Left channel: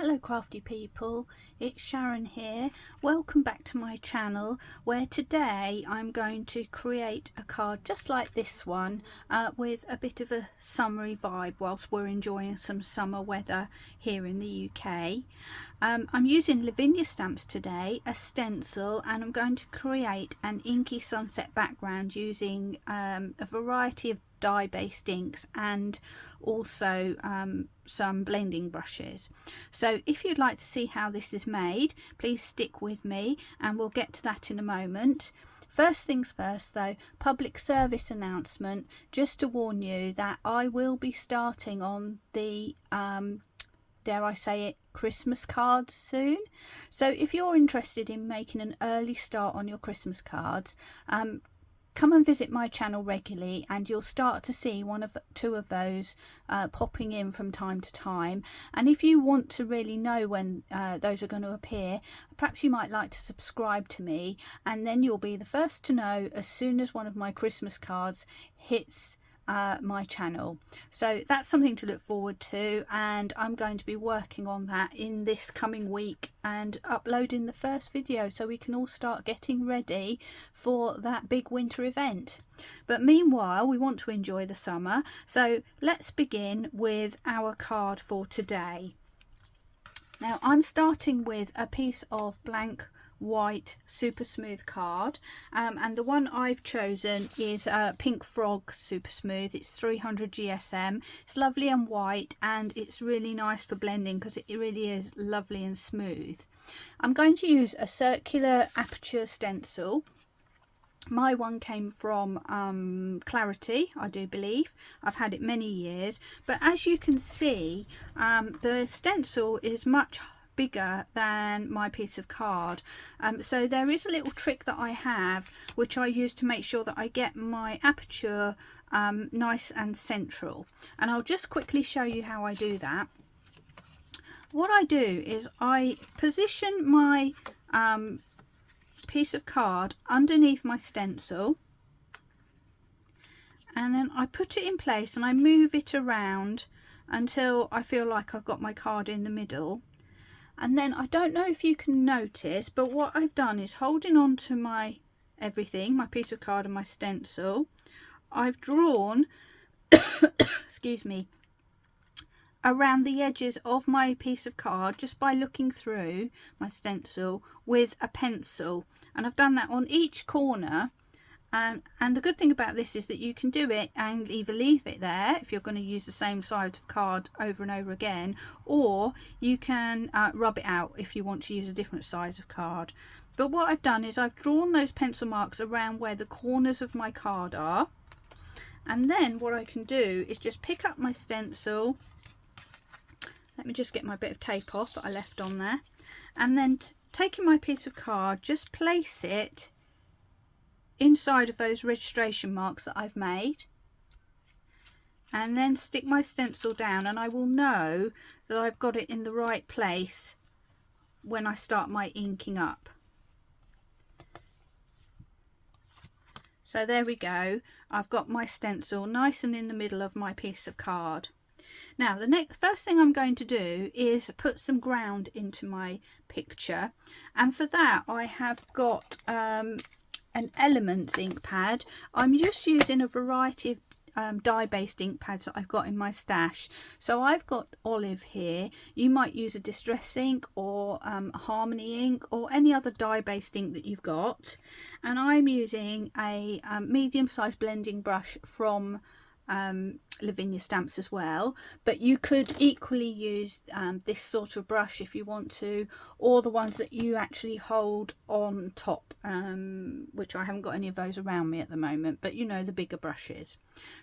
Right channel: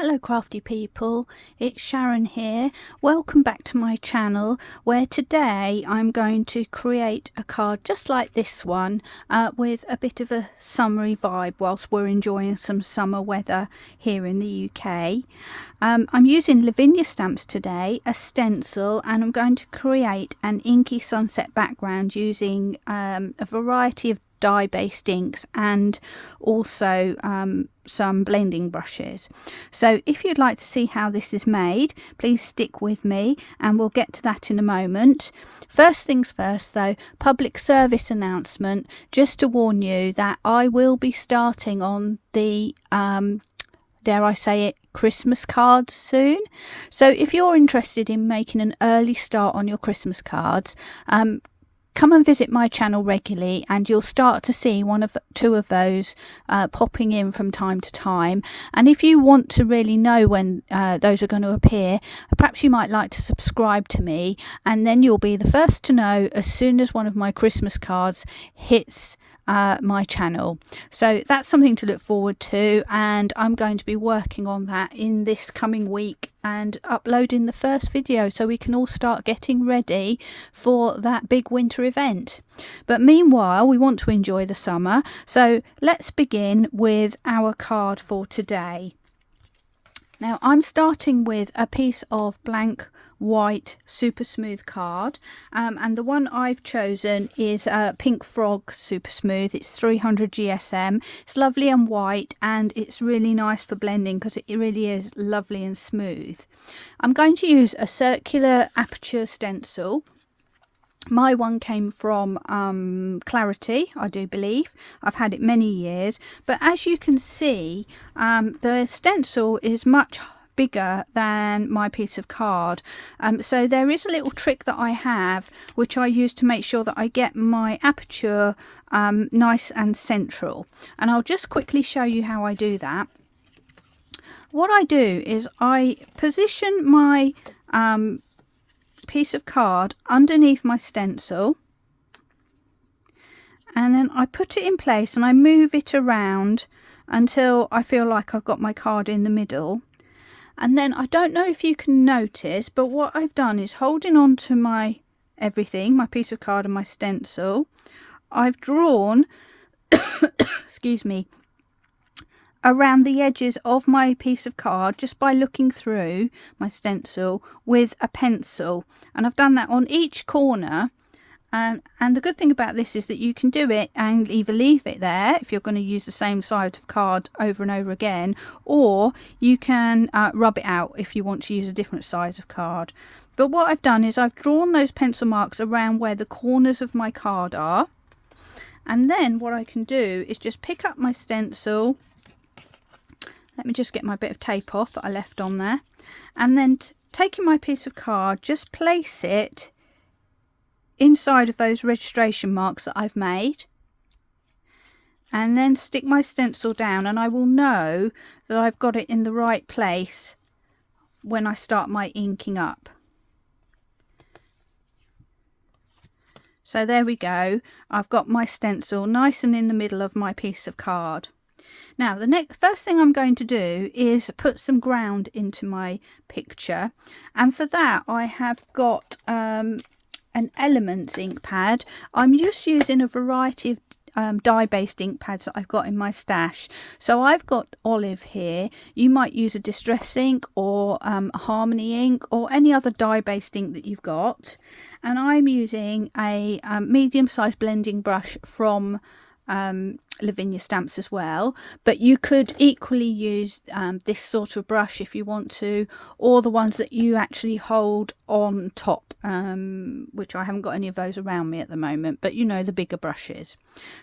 Hello crafty people, it's Sharon here. Welcome back to my channel, where today I'm going to create a card just like this one with a bit of a summery vibe whilst we're enjoying some summer weather here in the UK. I'm using Lavinia stamps today, a stencil, and I'm going to create an inky sunset background using a variety of dye based inks and also some blending brushes. So if you'd like to see how this is made, please stick with me and we'll get to that in a moment. First things first though, public service announcement, just to warn you that I will be starting on the dare I say it, Christmas cards soon. So if you're interested in making an early start on your Christmas cards, come and visit my channel regularly and you'll start to see two of those popping in from time to time. And if you want to really know when those are going to appear, perhaps you might like to subscribe to me, and then you'll be the first to know as soon as one of my Christmas cards hits my channel. So that's something to look forward to, and I'm going to be working on that in this coming week and uploading the first video so we can all start getting ready for that big winter event. But meanwhile, we want to enjoy the summer, so let's begin with our card for today. Now I'm starting with a piece of blank white super smooth card, and the one I've chosen is Pink Frog Super Smooth. It's 300 GSM. It's lovely and white, and it's really nice for blending because it really is lovely and smooth. I'm going to use a circular aperture stencil. My one came from Clarity, I do believe. I've had it many years, but as you can see, the stencil is much bigger than my piece of card, so there is a little trick that I have which I use to make sure that I get my aperture nice and central, and I'll just quickly show you how I do that. What I do is I position my piece of card underneath my stencil, and then I put it in place and I move it around until I feel like I've got my card in the middle. And then I don't know if you can notice, but what I've done is holding on to my everything, my piece of card and my stencil, I've drawn excuse me, around the edges of my piece of card just by looking through my stencil with a pencil, and I've done that on each corner. And the good thing about this is that you can do it and either leave it there if you're going to use the same side of card over and over again, or you can rub it out if you want to use a different size of card. But what I've done is I've drawn those pencil marks around where the corners of my card are, and then what I can do is just pick up my stencil. Let me just get my bit of tape off that I left on there, and then taking my piece of card, just place it inside of those registration marks that I've made, and then stick my stencil down, and I will know that I've got it in the right place when I start my inking up. So there we go, I've got my stencil nice and in the middle of my piece of card. Now the first thing I'm going to do is put some ground into my picture, and for that I have got an Elements ink pad. I'm just using a variety of dye-based ink pads that I've got in my stash. So I've got Olive here. You might use a Distress ink or Harmony ink or any other dye-based ink that you've got. And I'm using a medium-sized blending brush from Lavinia stamps as well, but you could equally use this sort of brush if you want to, or the ones that you actually hold on top, which I haven't got any of those around me at the moment, but you know, the bigger brushes.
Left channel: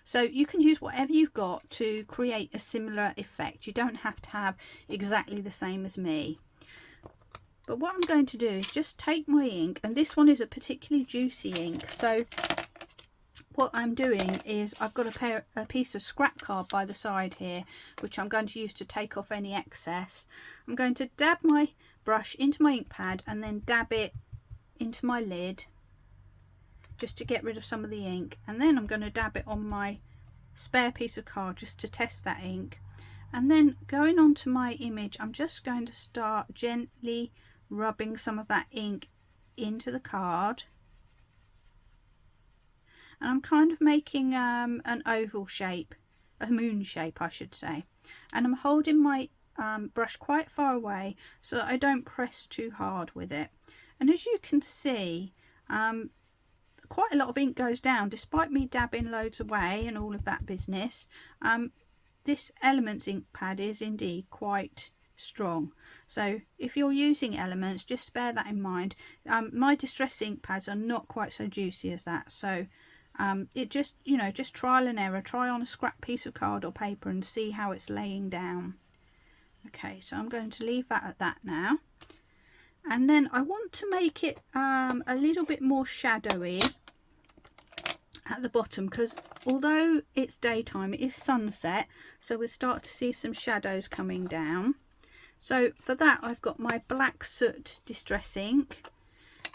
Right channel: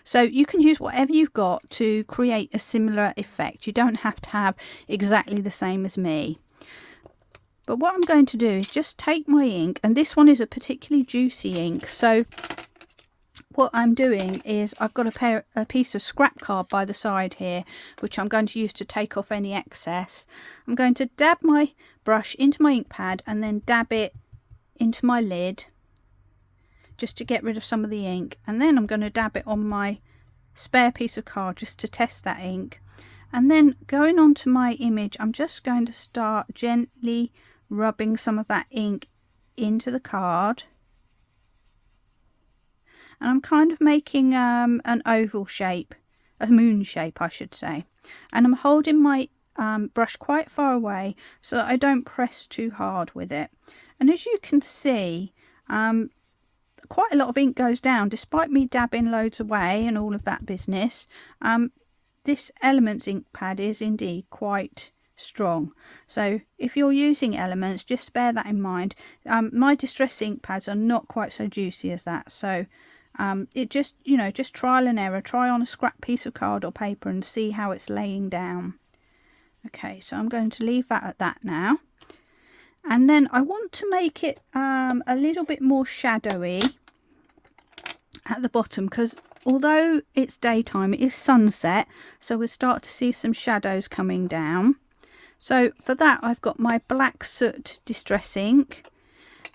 So you can use whatever you've got to create a similar effect. You don't have to have exactly the same as me. But what I'm going to do is just take my ink, and this one is a particularly juicy ink, so what I'm doing is I've got a piece of scrap card by the side here, which I'm going to use to take off any excess. I'm going to dab my brush into my ink pad and then dab it into my lid just to get rid of some of the ink, and then I'm going to dab it on my spare piece of card just to test that ink, And then going on to my image, I'm just going to start gently rubbing some of that ink into the card. And I'm kind of making an oval shape, a moon shape I should say. And I'm holding my brush quite far away so that I don't press too hard with it. And as you can see, quite a lot of ink goes down despite me dabbing loads away and all of that business. This Elements ink pad is indeed quite strong, so if you're using Elements, just bear that in mind. My Distress ink pads are not quite so juicy as that, so it just, you know, just trial and error. Try on a scrap piece of card or paper and see how it's laying down. Okay, so I'm going to leave that at that now, and then I want to make it a little bit more shadowy at the bottom, because although it's daytime, it is sunset, so we'll start to see some shadows coming down. So for that, I've got my black soot Distress ink,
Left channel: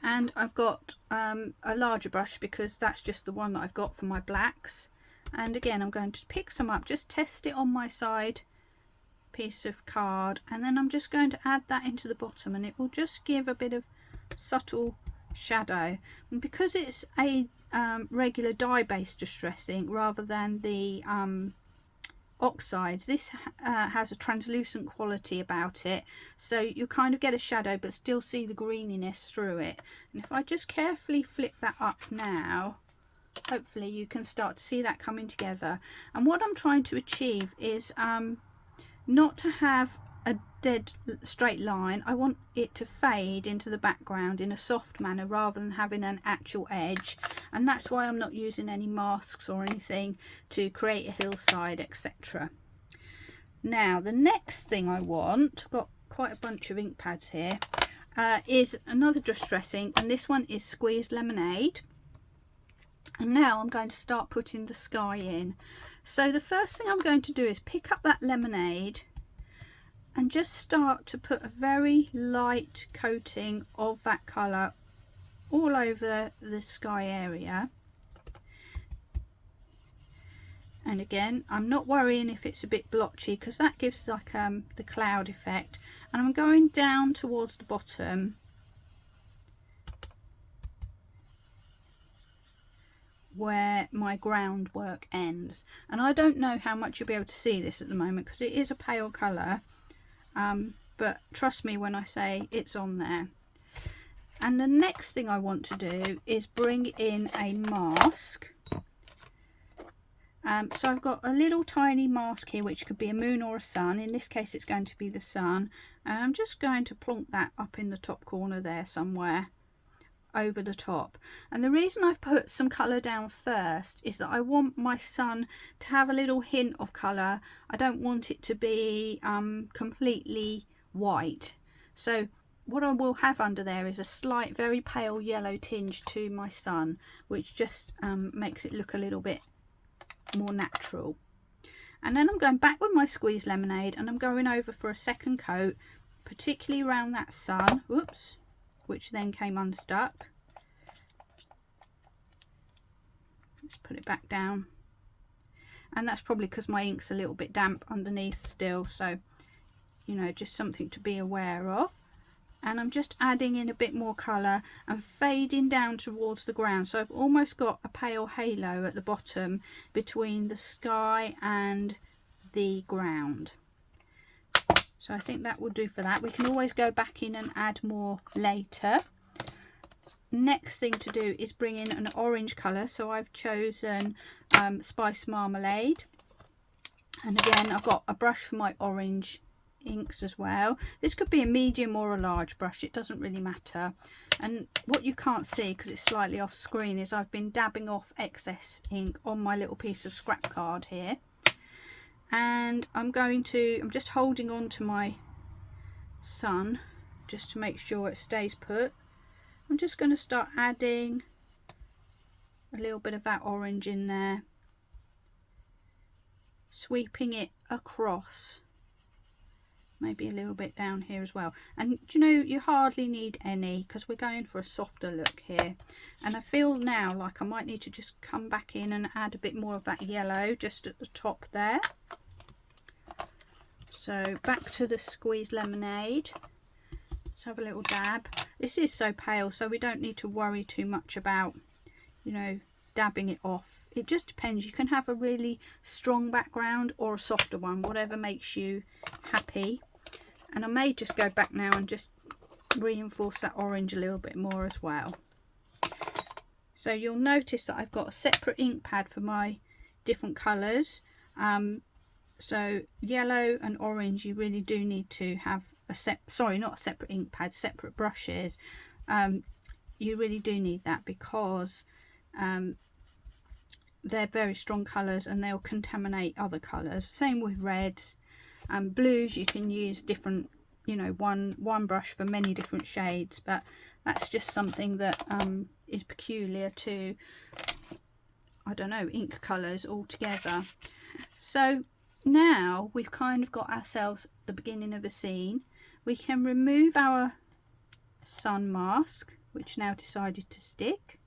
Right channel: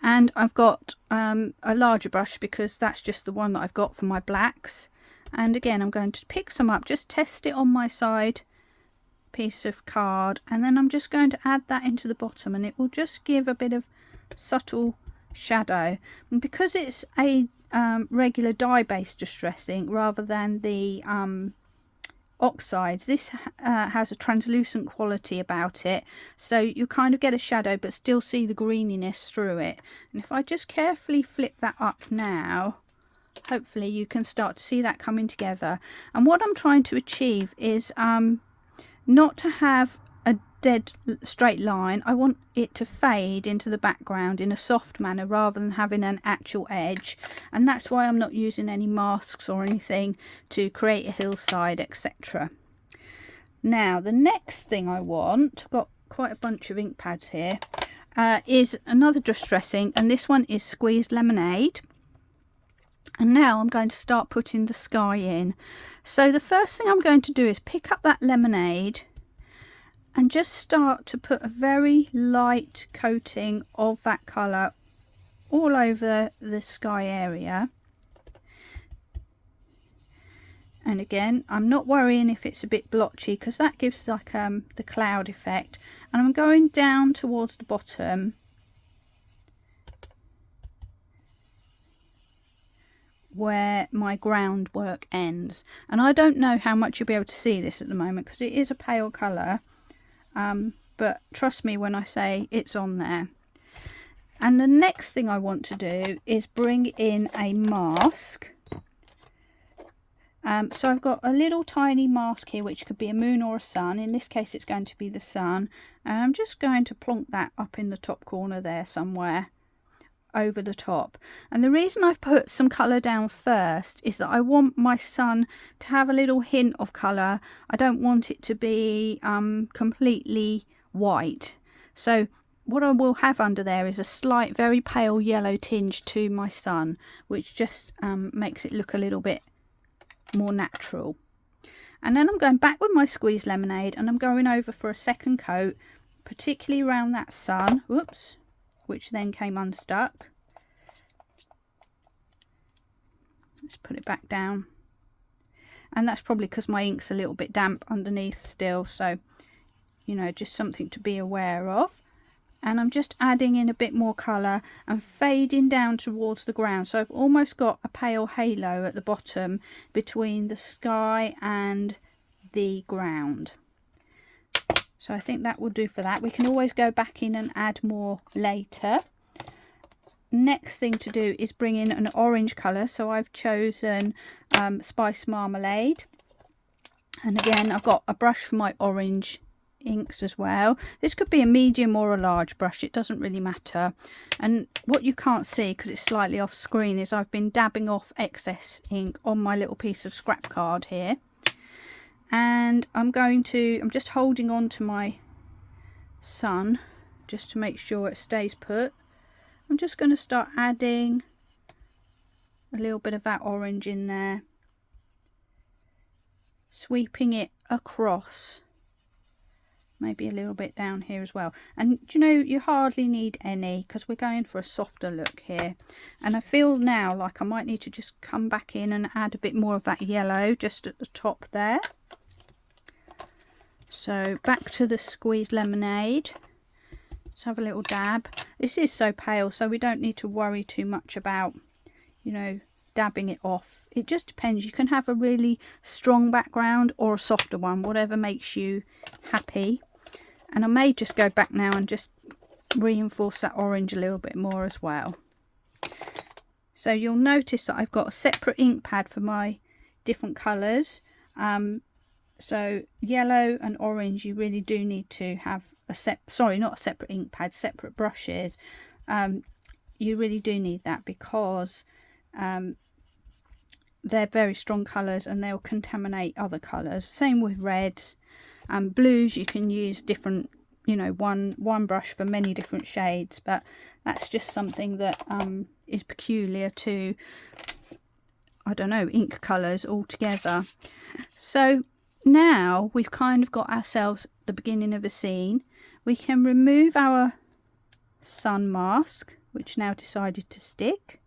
and I've got a larger brush because that's just the one that I've got for my blacks. And again, I'm going to pick some up, just test it on my side piece of card, and then I'm just going to add that into the bottom, and it will just give a bit of subtle shadow. And because it's a regular dye-based Distress ink rather than the oxides, this has a translucent quality about it, so you kind of get a shadow but still see the greeniness through it. And if I just carefully flip that up now, hopefully you can start to see that coming together. And what I'm trying to achieve is not to have a dead straight line. I want it to fade into the background in a soft manner rather than having an actual edge, and that's why I'm not using any masks or anything to create a hillside, etc. Now the next thing I want, I've got quite a bunch of ink pads here, is another Distress ink, and this one is Squeezed Lemonade. And now I'm going to start putting the sky in. So the first thing I'm going to do is pick up that lemonade and just start to put a very light coating of that colour all over the sky area. And again, I'm not worrying if it's a bit blotchy, because that gives like the cloud effect. And I'm going down towards the bottom where my groundwork ends. And I don't know how much you'll be able to see this at the moment because it is a pale colour, but trust me when I say it's on there. And the next thing I want to do is bring in a mask. So I've got a little tiny mask here, which could be a moon or a sun. In this case it's going to be the sun, and I'm just going to plonk that up in the top corner there somewhere over the top. And the reason I've put some colour down first is that I want my sun to have a little hint of colour. I don't want it to be completely white. So what I will have under there is a slight, very pale yellow tinge to my sun, which just makes it look a little bit more natural. And then I'm going back with my Squeezed Lemonade, and I'm going over for a second coat, particularly around that sun. Whoops. Which then came unstuck. Let's put it back down. And that's probably because my ink's a little bit damp underneath still, so you know, just something to be aware of. And I'm just adding in a bit more colour and fading down towards the ground, so I've almost got a pale halo at the bottom between the sky and the ground. So I think that will do for that. We can always go back in and add more later. Next thing to do is bring in an orange colour. So I've chosen Spice Marmalade. And again, I've got a brush for my orange inks as well. This could be a medium or a large brush. It doesn't really matter. And what you can't see, because it's slightly off screen, is I've been dabbing off excess ink on my little piece of scrap card here. And I'm just holding on to my sun just to make sure it stays put. I'm just going to start adding a little bit of that orange in there, sweeping it across, maybe a little bit down here as well. And you know, you hardly need any because we're going for a softer look here. And I feel now like I might need to just come back in and add a bit more of that yellow just at the top there. So back to the squeezed lemonade. Let's have a little dab. This is so pale, so we don't need to worry too much about, you know, dabbing it off. It just depends. You can have a really strong background or a softer one, whatever makes you happy. And I may just go back now and just reinforce that orange a little bit more as well. So you'll notice that I've got a separate ink pad for my different colours. So yellow and orange, you really do need to have not a separate ink pad, separate brushes. You really do need that because they're very strong colours and they'll contaminate other colours. Same with reds and blues. You can use different, you know, one brush for many different shades, but that's just something that is peculiar to, I don't know, ink colours altogether. So now we've kind of got ourselves the beginning of a scene. We can remove our sun mask, which now decided to stick.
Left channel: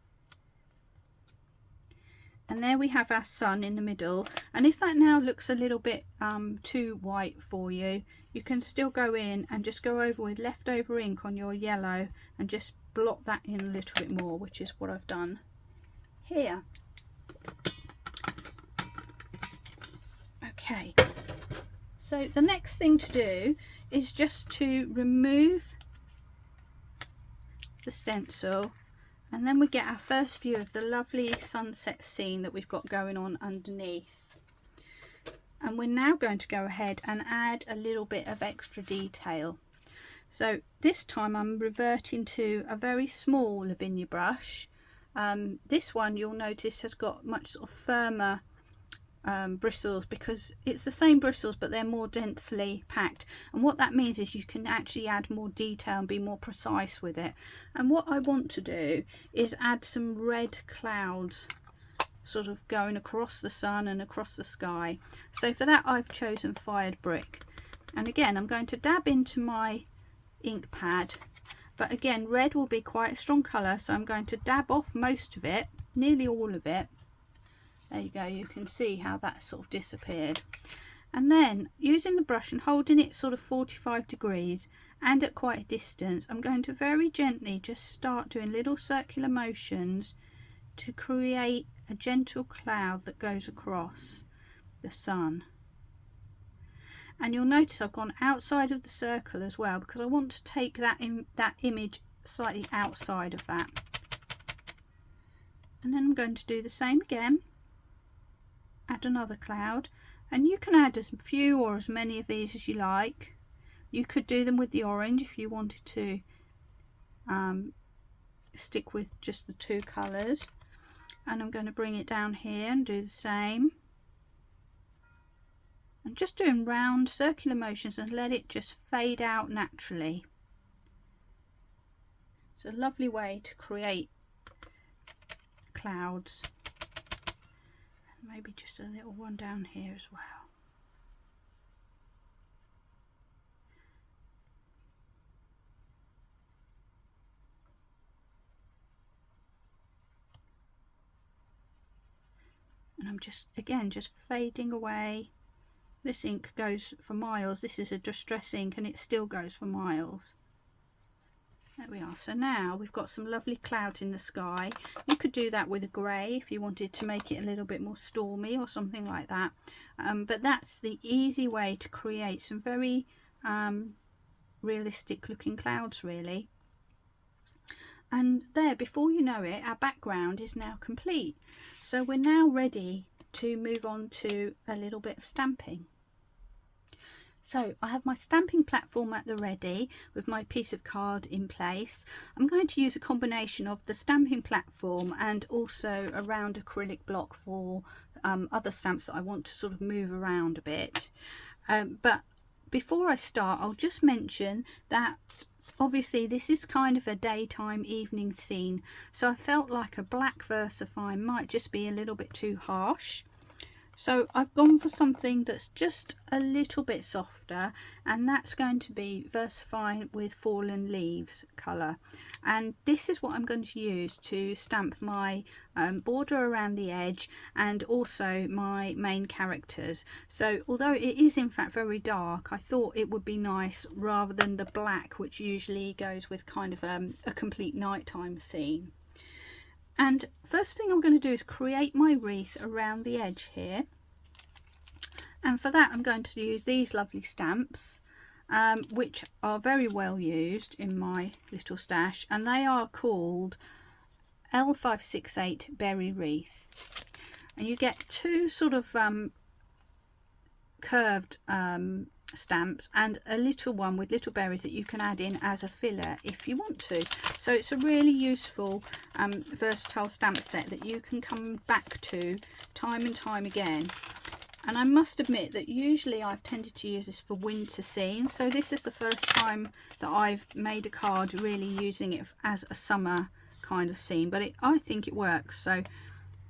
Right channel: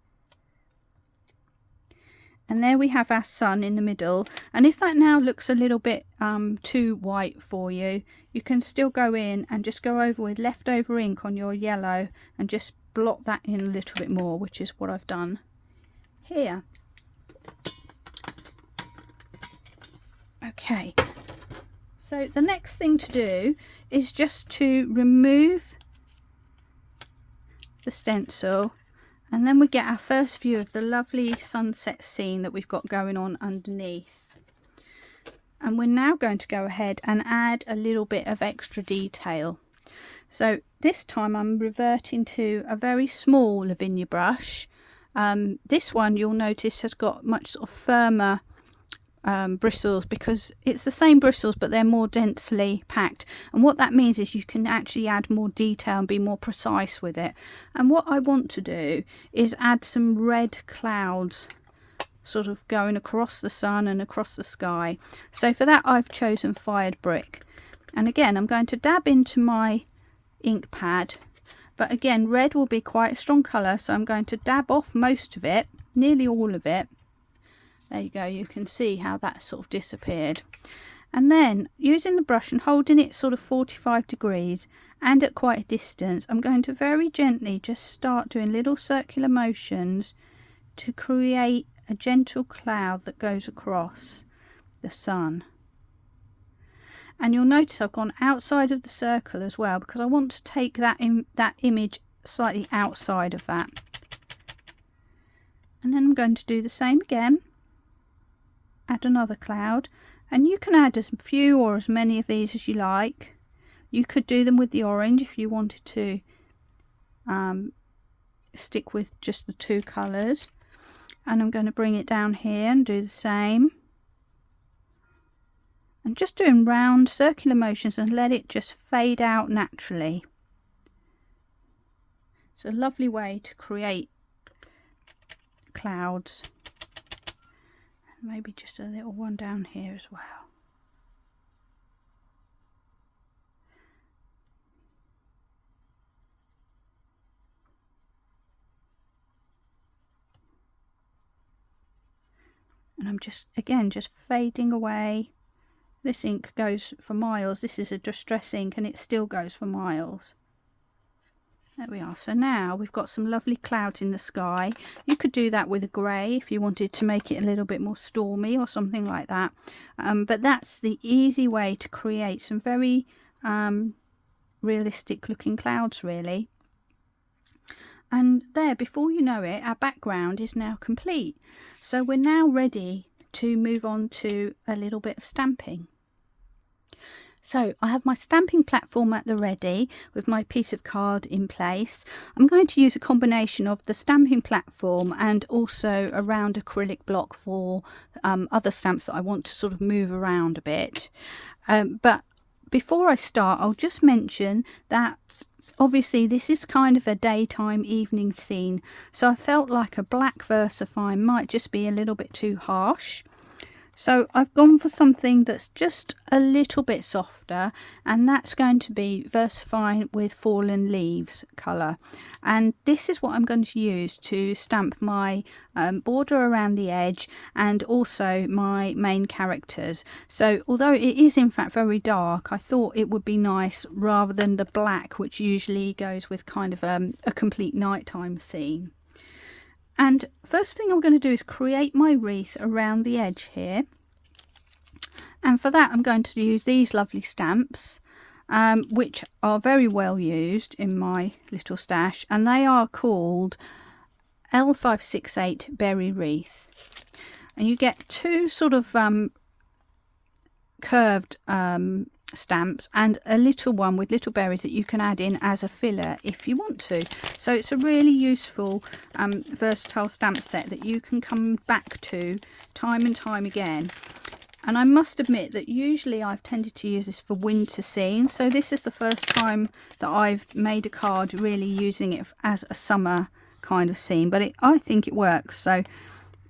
And there we have our sun in the middle. And if that now looks a little bit too white for you, you can still go in and just go over with leftover ink on your yellow and just blot that in a little bit more, which is what I've done here. Okay, so the next thing to do is just to remove the stencil, and then we get our first view of the lovely sunset scene that we've got going on underneath. And we're now going to go ahead and add a little bit of extra detail. So this time I'm reverting to a very small Lavinia brush. This one you'll notice has got much sort of firmer bristles, because it's the same bristles but they're more densely packed, and what that means is you can actually add more detail and be more precise with it. And what I want to do is add some red clouds sort of going across the sun and across the sky. So for that I've chosen fired brick, and again I'm going to dab into my ink pad, but again red will be quite a strong colour, so I'm going to dab off most of it, nearly all of it. There you go, you can see how that sort of disappeared. And then using the brush and holding it sort of 45 degrees and at quite a distance, I'm going to very gently just start doing little circular motions to create a gentle cloud that goes across the sun. And you'll notice I've gone outside of the circle as well, because I want to take that image slightly outside of that. And then I'm going to do the same again. Add another cloud, and you can add as few or as many of these as you like. You could do them with the orange if you wanted to stick with just the two colours. And I'm going to bring it down here and do the same, and just doing round circular motions and let it just fade out naturally. It's a lovely way to create clouds. Maybe just a little one down here as well. And I'm just fading away. This ink goes for miles. This is a distress ink and it still goes for miles. There we are. So now we've got some lovely clouds in the sky. You could do that with a grey if you wanted to make it a little bit more stormy or something like that. But that's the easy way to create some very realistic looking clouds, really. And there, before you know it, our background is now complete. So we're now ready to move on to a little bit of stamping. So I have my stamping platform at the ready with my piece of card in place. I'm going to use a combination of the stamping platform and also a round acrylic block for other stamps that I want to sort of move around a bit. But before I start, I'll just mention that obviously this is kind of a daytime evening scene, so I felt like a black VersaFine might just be a little bit too harsh. So I've gone for something that's just a little bit softer, and that's going to be VersaFine with Fallen Leaves colour. And this is what I'm going to use to stamp my border around the edge and also my main characters. So although it is in fact very dark, I thought it would be nice rather than the black which usually goes with kind of a complete nighttime scene. And first thing I'm going to do is create my wreath around the edge here. And for that I'm going to use these lovely stamps, which are very well used in my little stash. And they are called L568 Berry Wreath. And you get two sort of curved stamps and a little one with little berries that you can add in as a filler if you want to. So it's a really useful versatile stamp set that you can come back to time and time again. And I must admit that usually I've tended to use this for winter scenes, so this is the first time that I've made a card really using it as a summer kind of scene, but I think it works. So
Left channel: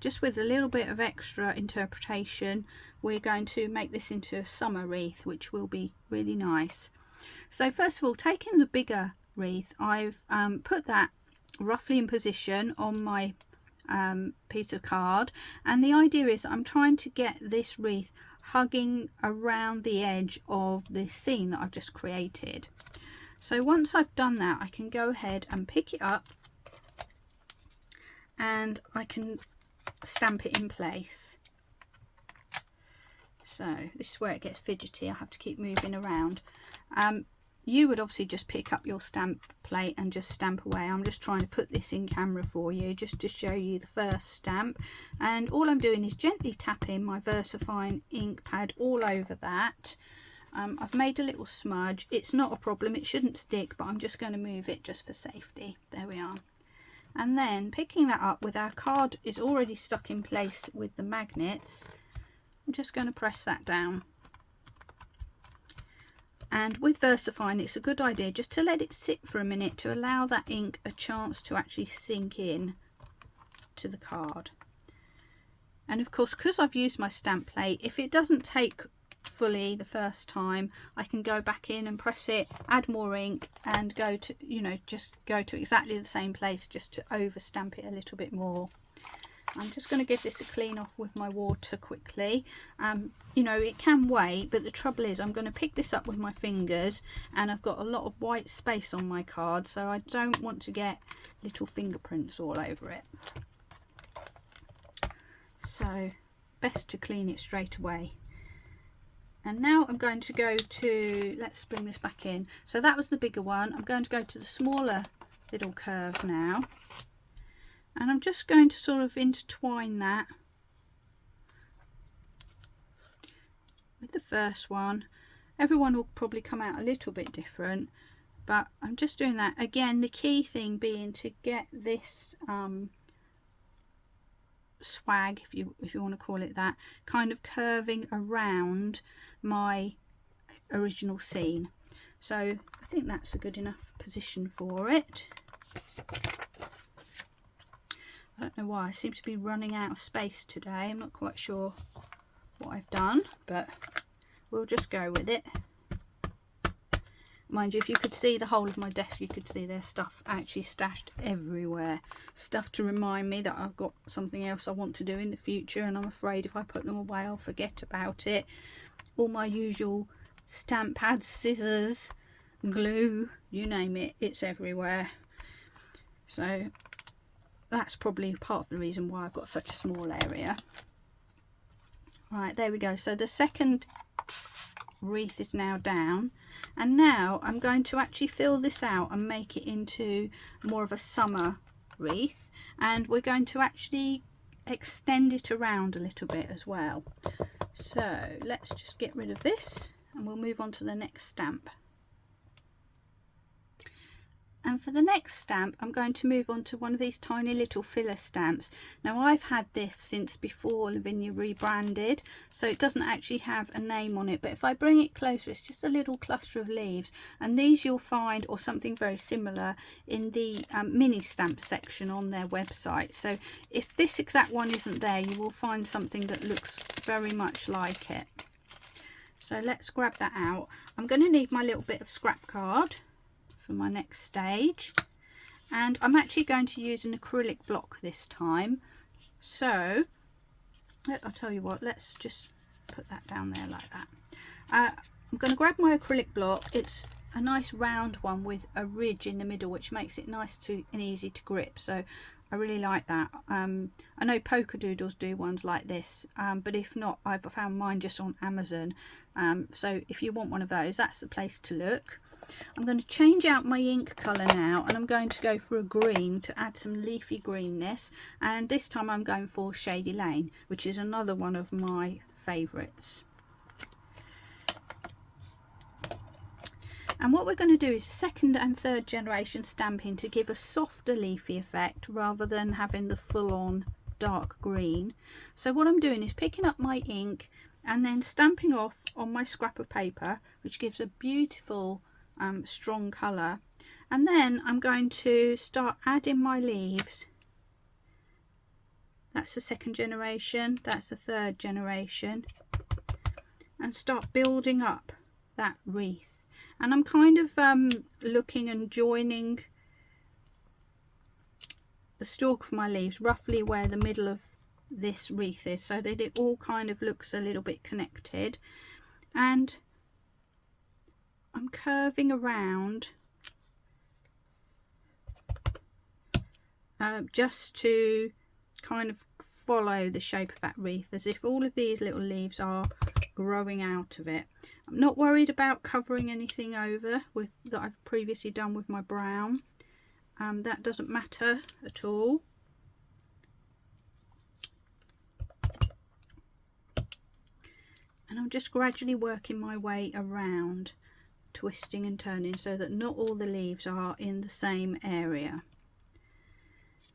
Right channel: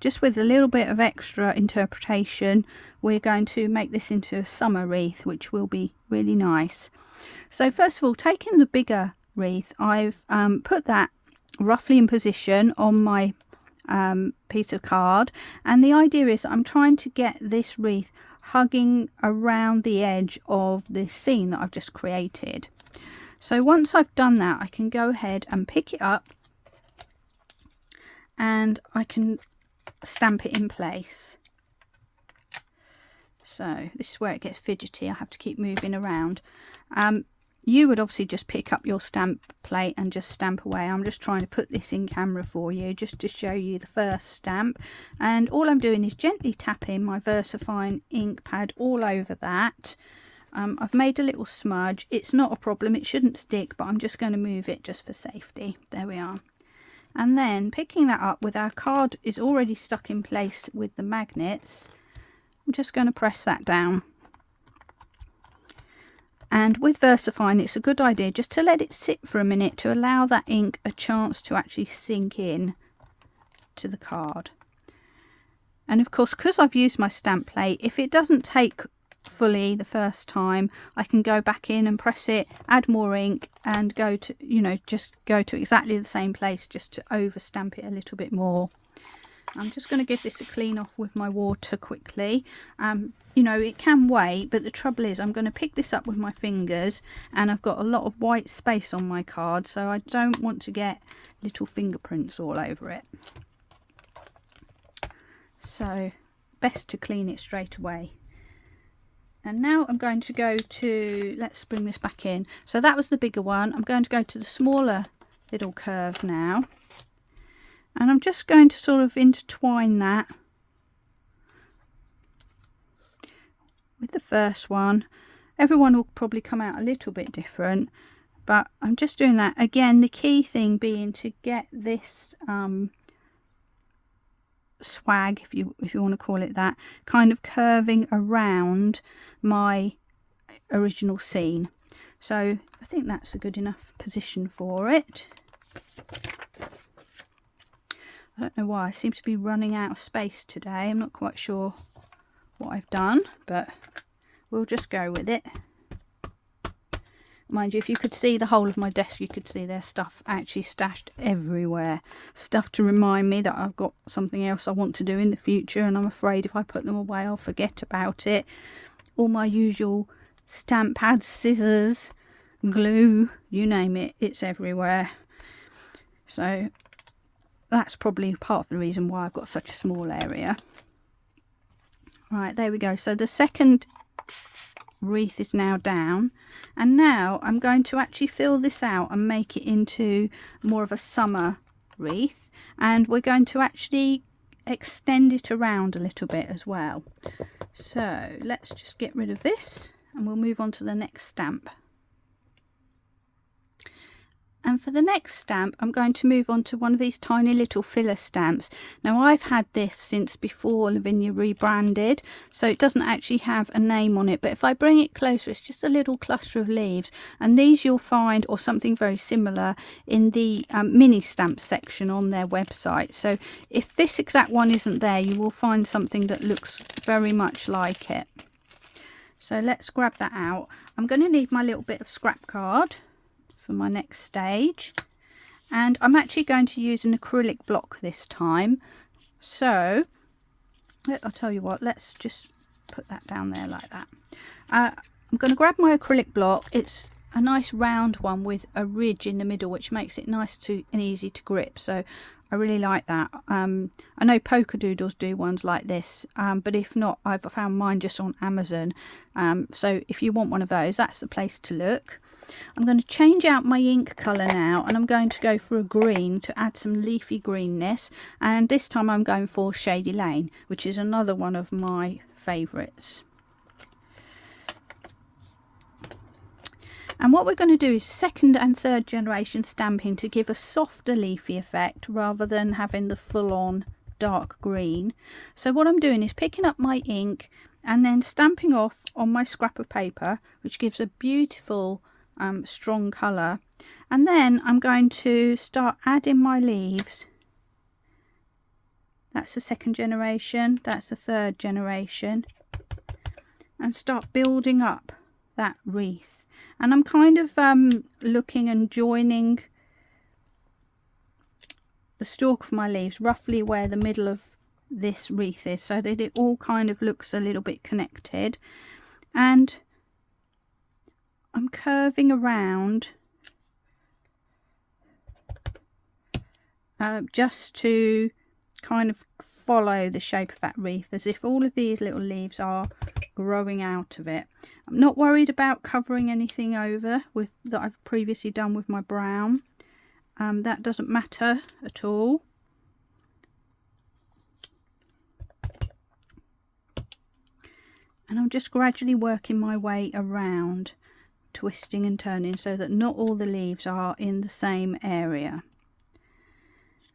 just with a little bit of extra interpretation, we're going to make this into a summer wreath, which will be really nice. So first of all, taking the bigger wreath, I've put that roughly in position on my piece of card, and the idea is that I'm trying to get this wreath hugging around the edge of the scene that I've just created. So once I've done that, I can go ahead and pick it up and I can stamp it in place. So this is where it gets fidgety. I have to keep moving around. You would obviously just pick up your stamp plate and just stamp away. I'm just trying to put this in camera for you just to show you the first stamp. And all I'm doing is gently tapping my VersaFine ink pad all over that. I've made a little smudge. It's not a problem. It shouldn't stick, but I'm just going to move it just for safety. There we are. And then picking that up with our card is already stuck in place with the magnets. I'm just going to press that down. And with VersaFine, it's a good idea just to let it sit for a minute to allow that ink a chance to actually sink in to the card. And of course, because I've used my stamp plate, if it doesn't take fully the first time, I can go back in and press it, add more ink, and go to, just go to exactly the same place just to over stamp it a little bit more. I'm just going to give this a clean off with my water quickly. It can wait, but the trouble is I'm going to pick this up with my fingers, and I've got a lot of white space on my card, so I don't want to get little fingerprints all over it. So best to clean it straight away. And now I'm going to go to, let's bring this back in. So that was the bigger one. I'm going to go to the smaller little curve now. And I'm just going to sort of intertwine that with the first one. Everyone will probably come out a little bit different, but I'm just doing that. Again, the key thing being to get this swag, if you want to call it that, kind of curving around my original scene. So I think that's a good enough position for it. I don't know why I seem to be running out of space today. I'm not quite sure what I've done, but we'll just go with it. Mind you, if you could see the whole of my desk, you could see there's stuff actually stashed everywhere. Stuff to remind me that I've got something else I want to do in the future, and I'm afraid if I put them away I'll forget about it. All my usual stamp pads, scissors, glue, you name it, it's everywhere. So that's probably part of the reason why I've got such a small area. Right, there we go. So the second wreath is now down, and now I'm going to actually fill this out and make it into more of a summer wreath, and we're going to actually extend it around a little bit as well. So let's just get rid of this and we'll move on to the next stamp. And for the next stamp, I'm going to move on to one of these tiny little filler stamps. Now, I've had this since before Lavinia rebranded, so it doesn't actually have a name on it. But if I bring it closer, it's just a little cluster of leaves. And these you'll find, or something very similar, in the mini stamp section on their website. So if this exact one isn't there, you will find something that looks very much like it. So let's grab that out. I'm going to need my little bit of scrap card for my next stage, and I'm actually going to use an acrylic block this time. So I'll tell you what, let's just put that down there like that. I'm going to grab my acrylic block. It's a nice round one with a ridge in the middle, which makes it nice and easy to grip, so I really like that. I know Polka Doodles do ones like this, but if not, I've found mine just on Amazon. So if you want one of those, that's the place to look. I'm going to change out my ink colour now, and I'm going to go for a green to add some leafy greenness, and this time I'm going for Shady Lane, which is another one of my favourites. And what we're going to do is second and third generation stamping to give a softer leafy effect rather than having the full-on dark green. So what I'm doing is picking up my ink and then stamping off on my scrap of paper, which gives a beautiful strong colour, and then I'm going to start adding my leaves. That's the second generation, that's the third generation, and start building up that wreath. And I'm kind of looking and joining the stalk of my leaves roughly where the middle of this wreath is, so that it all kind of looks a little bit connected. And I'm curving around just to kind of follow the shape of that wreath, as if all of these little leaves are growing out of it. I'm not worried about covering anything over with that I've previously done with my brown. That doesn't matter at all. And I'm just gradually working my way around, twisting and turning so that not all the leaves are in the same area.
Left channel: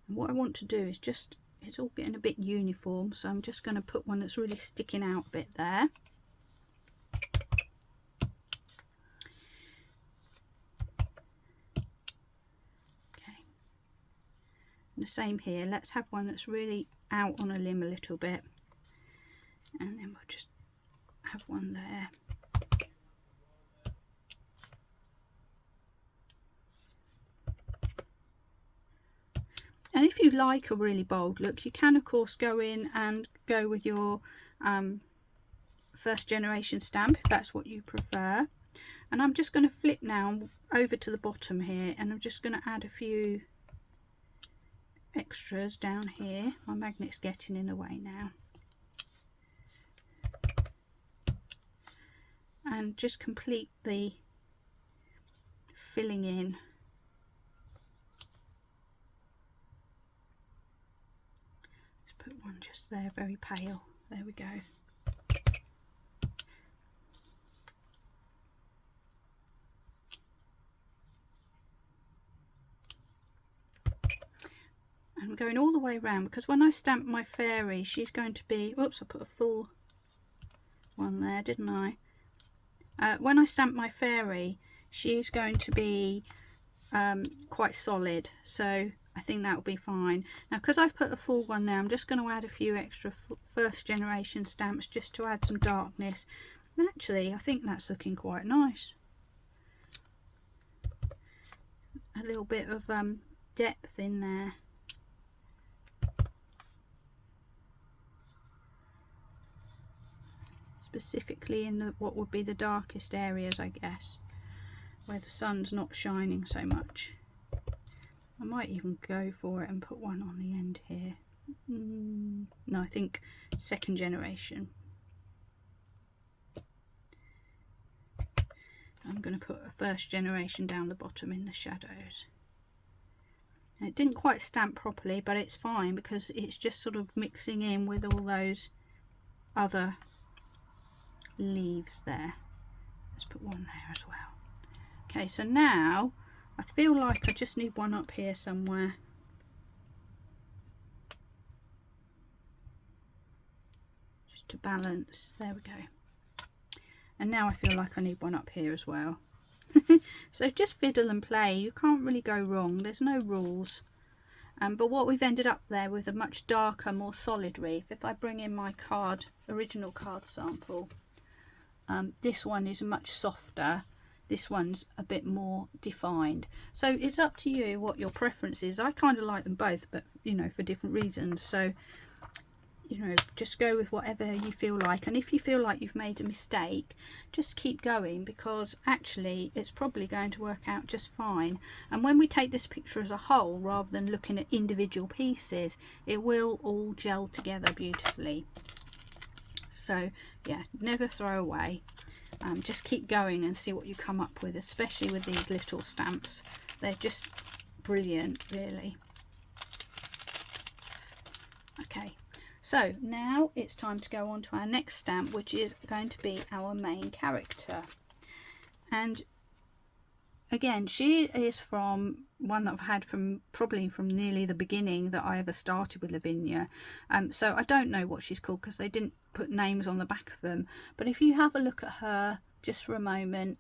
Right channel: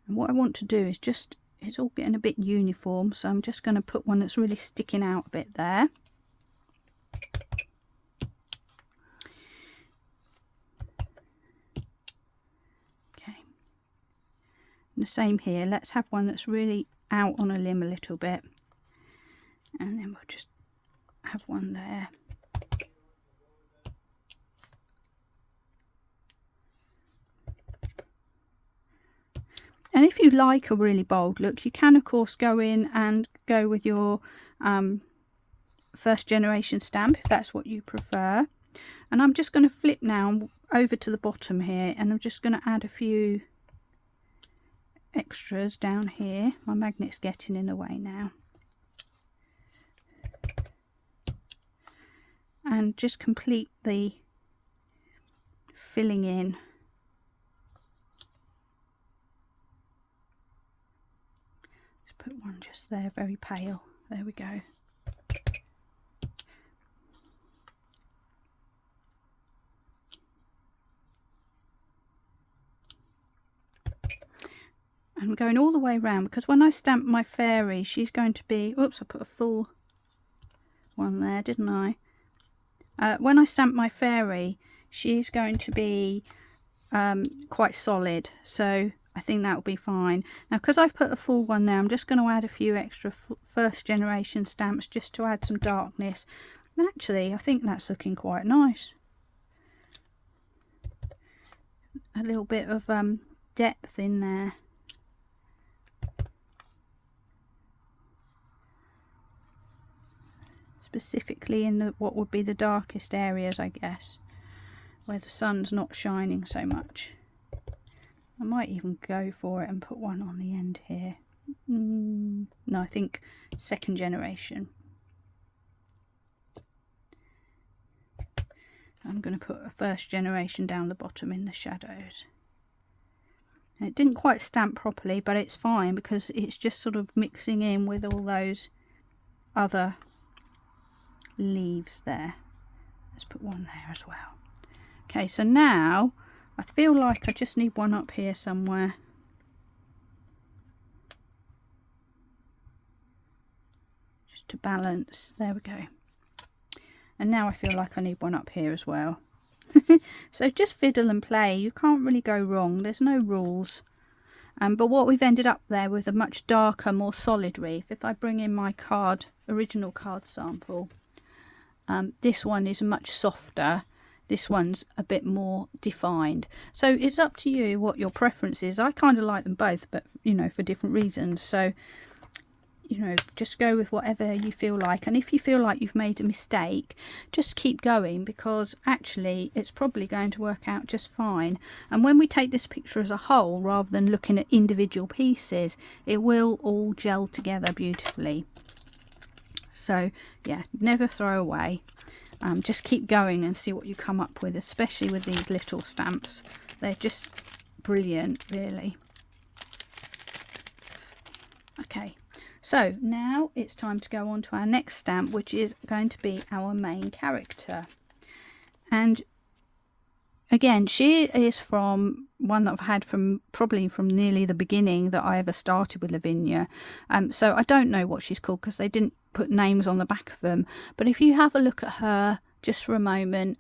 And what I want to do is just, it's all getting a bit uniform, so I'm just going to put one that's really sticking out a bit there. Okay, and the same here. Let's have one that's really out on a limb a little bit, and then we'll just have one there. And if you like a really bold look, you can of course go in and go with your first generation stamp if that's what you prefer. And I'm just going to flip now over to the bottom here, and I'm just going to add a few extras down here. My magnet's getting in the way now. And just complete the filling in. Put one just there, very pale. There we go. I'm going all the way around because when I stamp my fairy, she's going to be, oops, I put a full one there, didn't I? When I stamp my fairy, she's going to be quite solid, so I think that will be fine. Now, because I've put a full one there, I'm just going to add a few extra first generation stamps just to add some darkness. And actually, I think that's looking quite nice. A little bit of depth in there. Specifically in the what would be the darkest areas, I guess, where the sun's not shining so much. I might even go for it and put one on the end here. No, I think second generation. I'm going to put a first generation down the bottom in the shadows. And it didn't quite stamp properly, but it's fine because it's just sort of mixing in with all those other leaves there. Let's put one there as well. Okay, so now I feel like I just need one up here somewhere. Just to balance. There we go. And now I feel like I need one up here as well. So just fiddle and play. You can't really go wrong. There's no rules. But what we've ended up there with a much darker, more solid wreath. If I bring in my card, original card sample, this one is much softer. This one's a bit more defined. So it's up to you what your preference is. I kind of like them both, but you know, for different reasons. So you know, just go with whatever you feel like. And if you feel like you've made a mistake, just keep going, because actually it's probably going to work out just fine. And when we take this picture as a whole rather than looking at individual pieces, it will all gel together beautifully. So yeah, never throw away. Just keep going and see what you come up with, especially with these little stamps. They're just brilliant, really. Okay. So now it's time to go on to our next stamp, which is going to be our main character. And again, she is from one that I've had from probably from nearly the beginning that I ever started with Lavinia. So I don't know what she's called because they didn't put names on the back of them. But if you have a look at her just for a moment,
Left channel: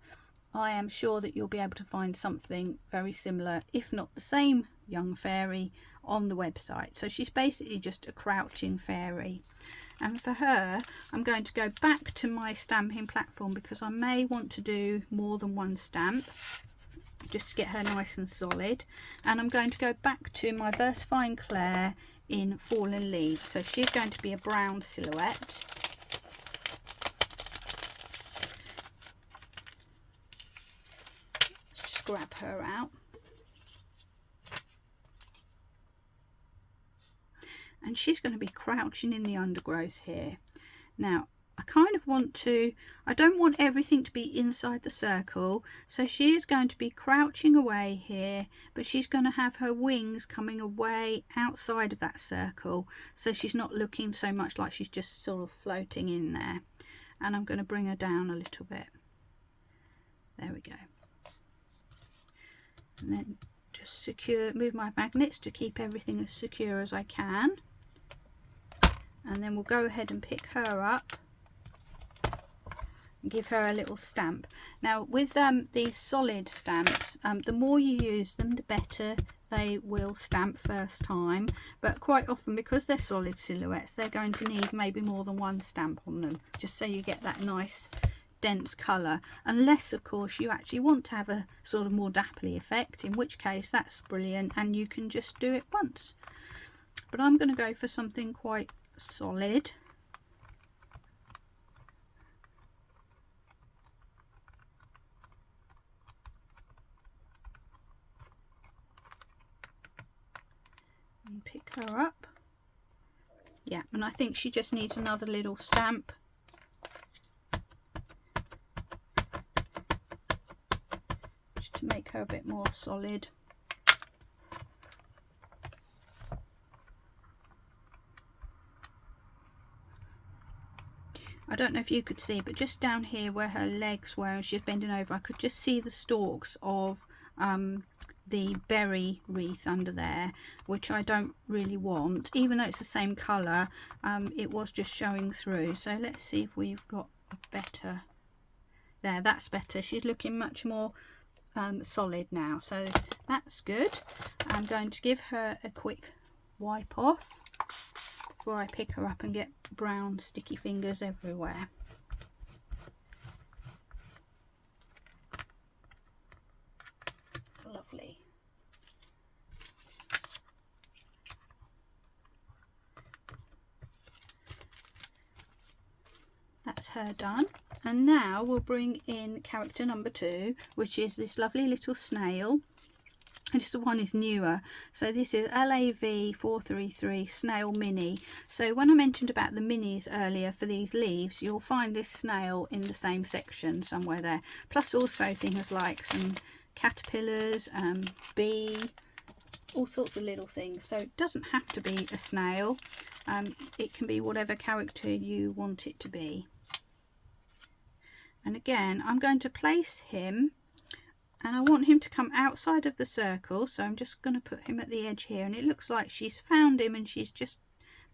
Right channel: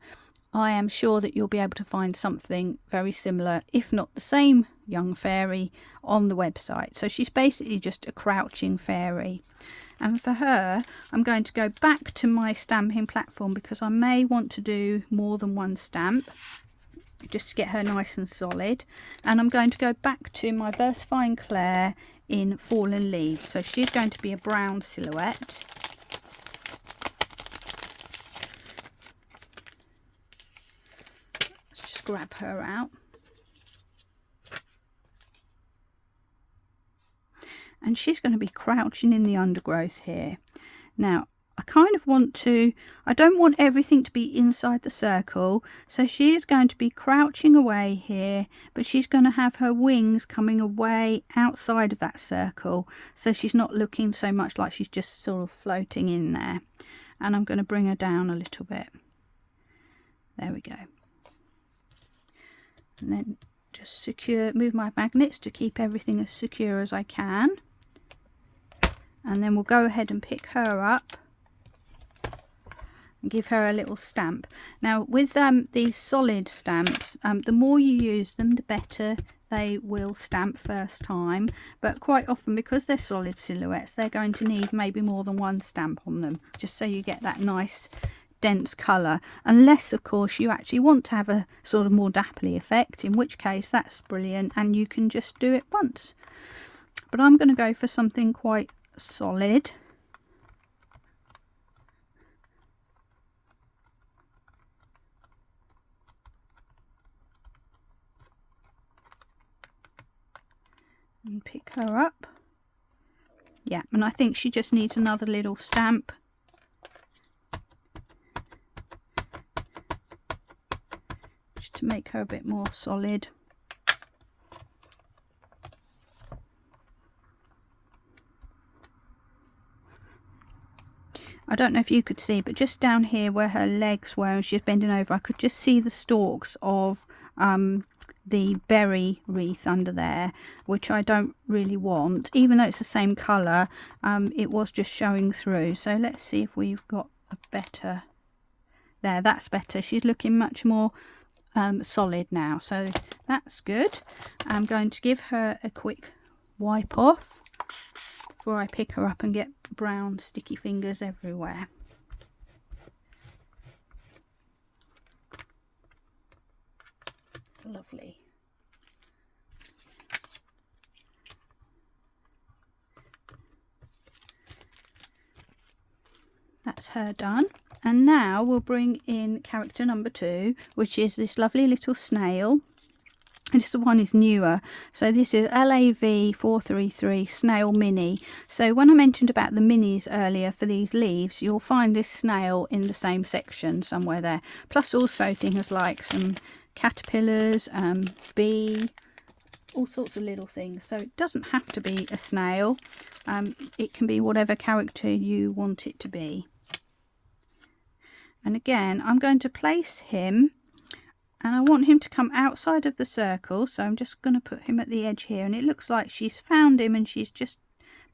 I am sure that you'll be able to find something very similar, if not the same young fairy, on the website. So she's basically just a crouching fairy. And for her, I'm going to go back to my stamping platform because I may want to do more than one stamp, just to get her nice and solid. And I'm going to go back to my Versafine Claire in Fallen Leaves. So she's going to be a brown silhouette. Grab her out, and she's going to be crouching in the undergrowth here. Now I kind of want to, I don't want everything to be inside the circle, so she is going to be crouching away here, but she's going to have her wings coming away outside of that circle, so she's not looking so much like she's just sort of floating in there. And I'm going to bring her down a little bit. There we go. And then just move my magnets to keep everything as secure as I can. And then we'll go ahead and pick her up and give her a little stamp. Now with these solid stamps, the more you use them, the better they will stamp first time. But quite often, because they're solid silhouettes, they're going to need maybe more than one stamp on them, just so you get that nice dense colour, unless of course you actually want to have a sort of more dappley effect, in which case that's brilliant and you can just do it once. But I'm going to go for something quite solid. And pick her up. Yeah, and I think she just needs another little stamp. To make her a bit more solid. I don't know if you could see, but just down here where her legs were and she's bending over, I could just see the stalks of the berry wreath under there, which I don't really want. Even though it's the same colour, it was just showing through. So let's see if we've got a better... There, that's better. She's looking much more solid now, so that's good. I'm going to give her a quick wipe off before I pick her up and get brown sticky fingers everywhere. Lovely. That's her done. And now we'll bring in character number 2, which is this lovely little snail. This one is newer, so this is LAV 433 Snail Mini. So when I mentioned about the minis earlier for these leaves, you'll find this snail in the same section somewhere there. Plus also things like some caterpillars, bee, all sorts of little things. So it doesn't have to be a snail. It can be whatever character you want it to be. And again, I'm going to place him And I want him to come outside of the circle, so I'm just going to put him at the edge here, and it looks like she's found him and she's just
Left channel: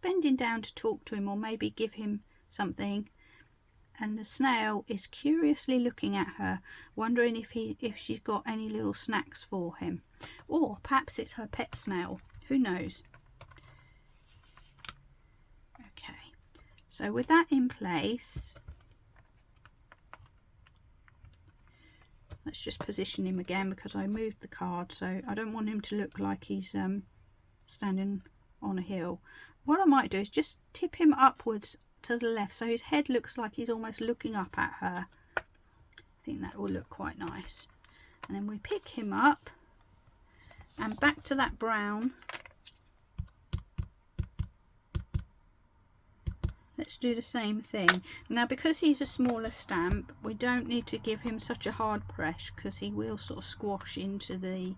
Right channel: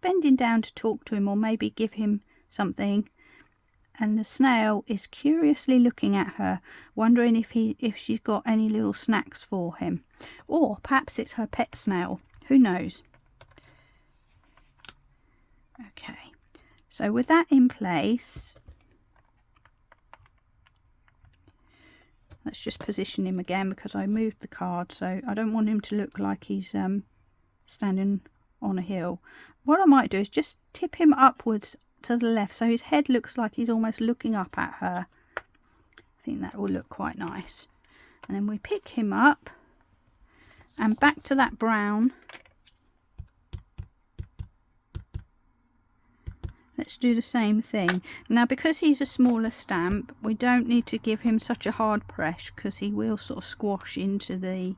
bending down to talk to him or maybe give him something. And the snail is curiously looking at her, wondering if she's got any little snacks for him, or perhaps it's her pet snail, who knows. Okay, so with that in place, let's just position him again, because I moved the card, so I don't want him to look like he's standing on a hill. What I might do is just tip him upwards to the left, so his head looks like he's almost looking up at her. I think that will look quite nice. And then we pick him up and back to that brown. Let's do the same thing. Now, because he's a smaller stamp, we don't need to give him such a hard press, because he will sort of squash into the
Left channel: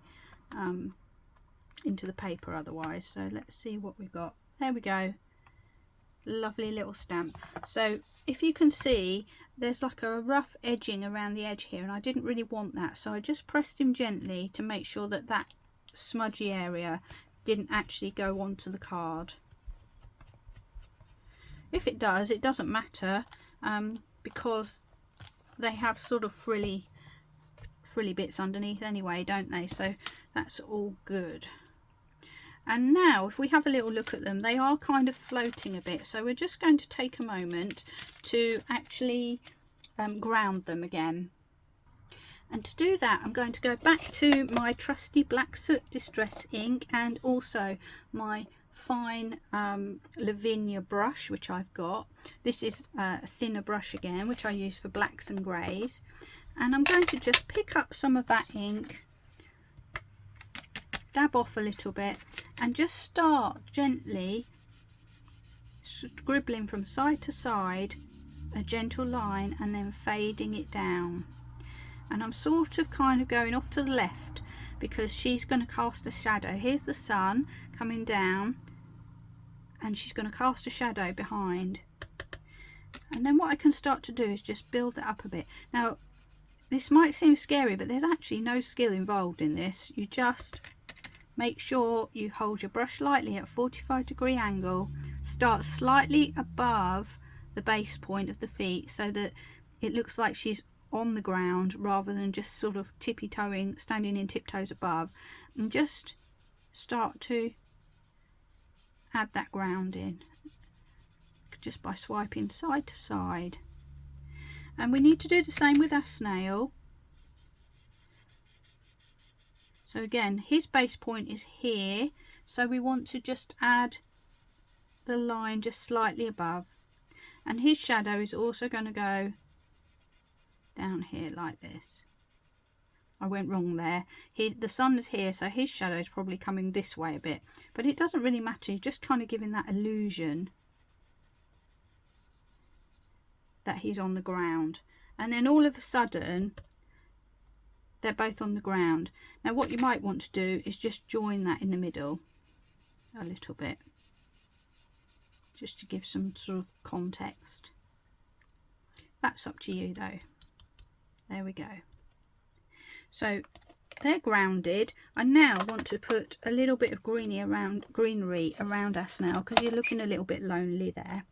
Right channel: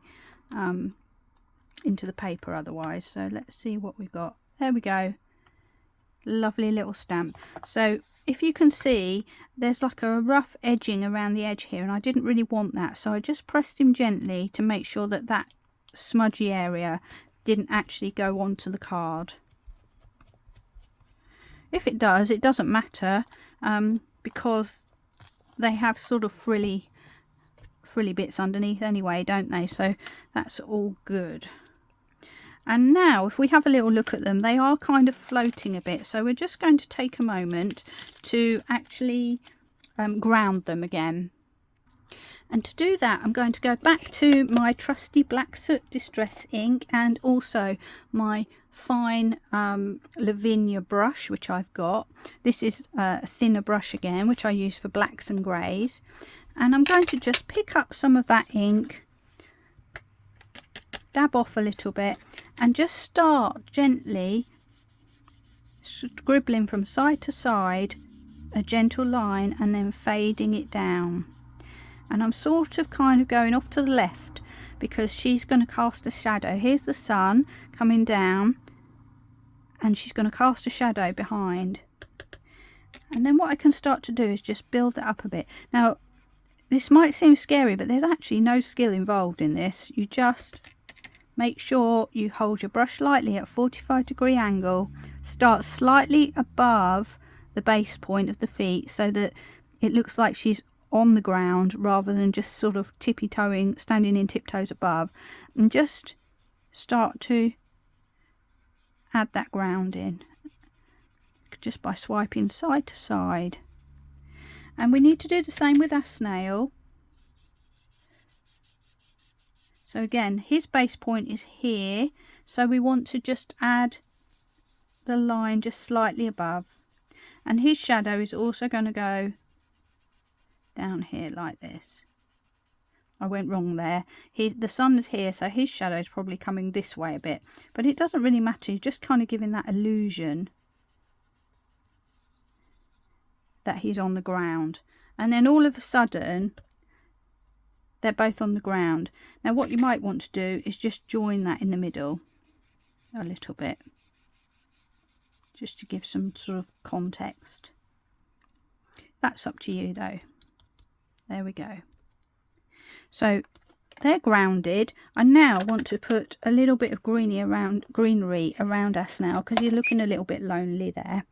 paper otherwise. So let's see what we've got. There we go. Lovely little stamp. So if you can see, there's like a rough edging around the edge here, and I didn't really want that, so I just pressed him gently to make sure that that smudgy area didn't actually go onto the card. If it does, it doesn't matter, because they have sort of frilly bits underneath anyway, don't they? So that's all good. And now if we have a little look at them, they are kind of floating a bit, so we're just going to take a moment to actually ground them again. And to do that, I'm going to go back to my trusty black soot distress ink, and also my fine Lavinia brush, which I've got. This is a thinner brush again, which I use for blacks and greys. And I'm going to just pick up some of that ink, dab off a little bit, and just start gently scribbling from side to side a gentle line, and then fading it down. And I'm sort of kind of going off to the left, because she's going to cast a shadow. Here's the sun coming down, and she's going to cast a shadow behind. And then what I can start to do is just build it up a bit. Now, this might seem scary, but there's actually no skill involved in this. You just make sure you hold your brush lightly at a 45-degree angle, start slightly above the base point of the feet, so that it looks like she's on the ground rather than just sort of tippy-toeing, standing in tiptoes above, and just start to add that ground in just by swiping side to side. And we need to do the same with our snail. So again, his base point is here, so we want to just add the line just slightly above, and his shadow is also going to go down here like this. I went wrong there. The sun is here, so his shadow is probably coming this way a bit, but it doesn't really matter. You're just kind of giving that illusion that he's on the ground, and then all of a sudden they're both on the ground. Now what you might want to do is just join that in the middle a little bit, just to give some sort of context. That's up to you though. There we go. So they're grounded. I now want to put a little bit of greenery around our snail, because you're looking a little bit lonely there.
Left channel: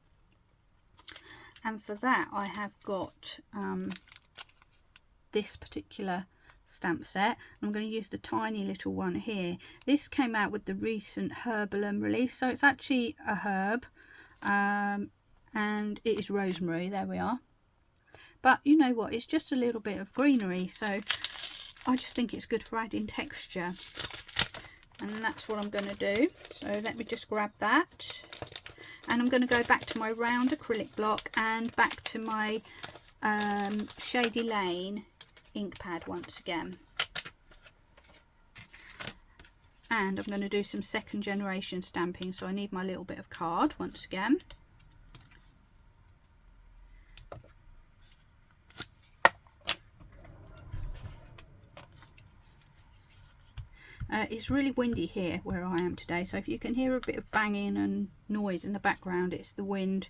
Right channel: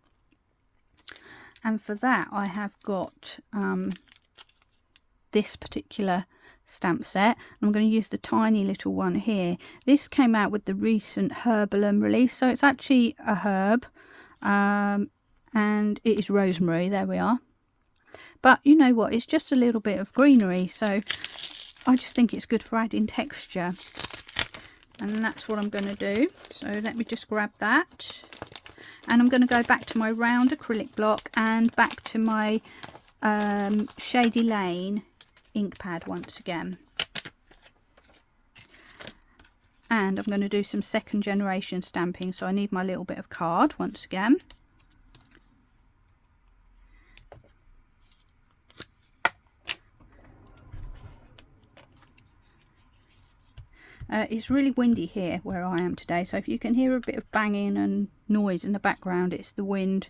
And for that I have got this particular stamp set. I'm going to use the tiny little one here. This came out with the recent Herbalum release, so it's actually a herb, and it is rosemary. There we are. But you know what, it's just a little bit of greenery, so I just think it's good for adding texture, and that's what I'm going to do. So let me just grab that, and I'm going to go back to my round acrylic block and back to my Shady Lane ink pad once again, and I'm going to do some second generation stamping, so I need my little bit of card once again. It's really windy here where I am today, so if you can hear a bit of banging and noise in the background, it's the wind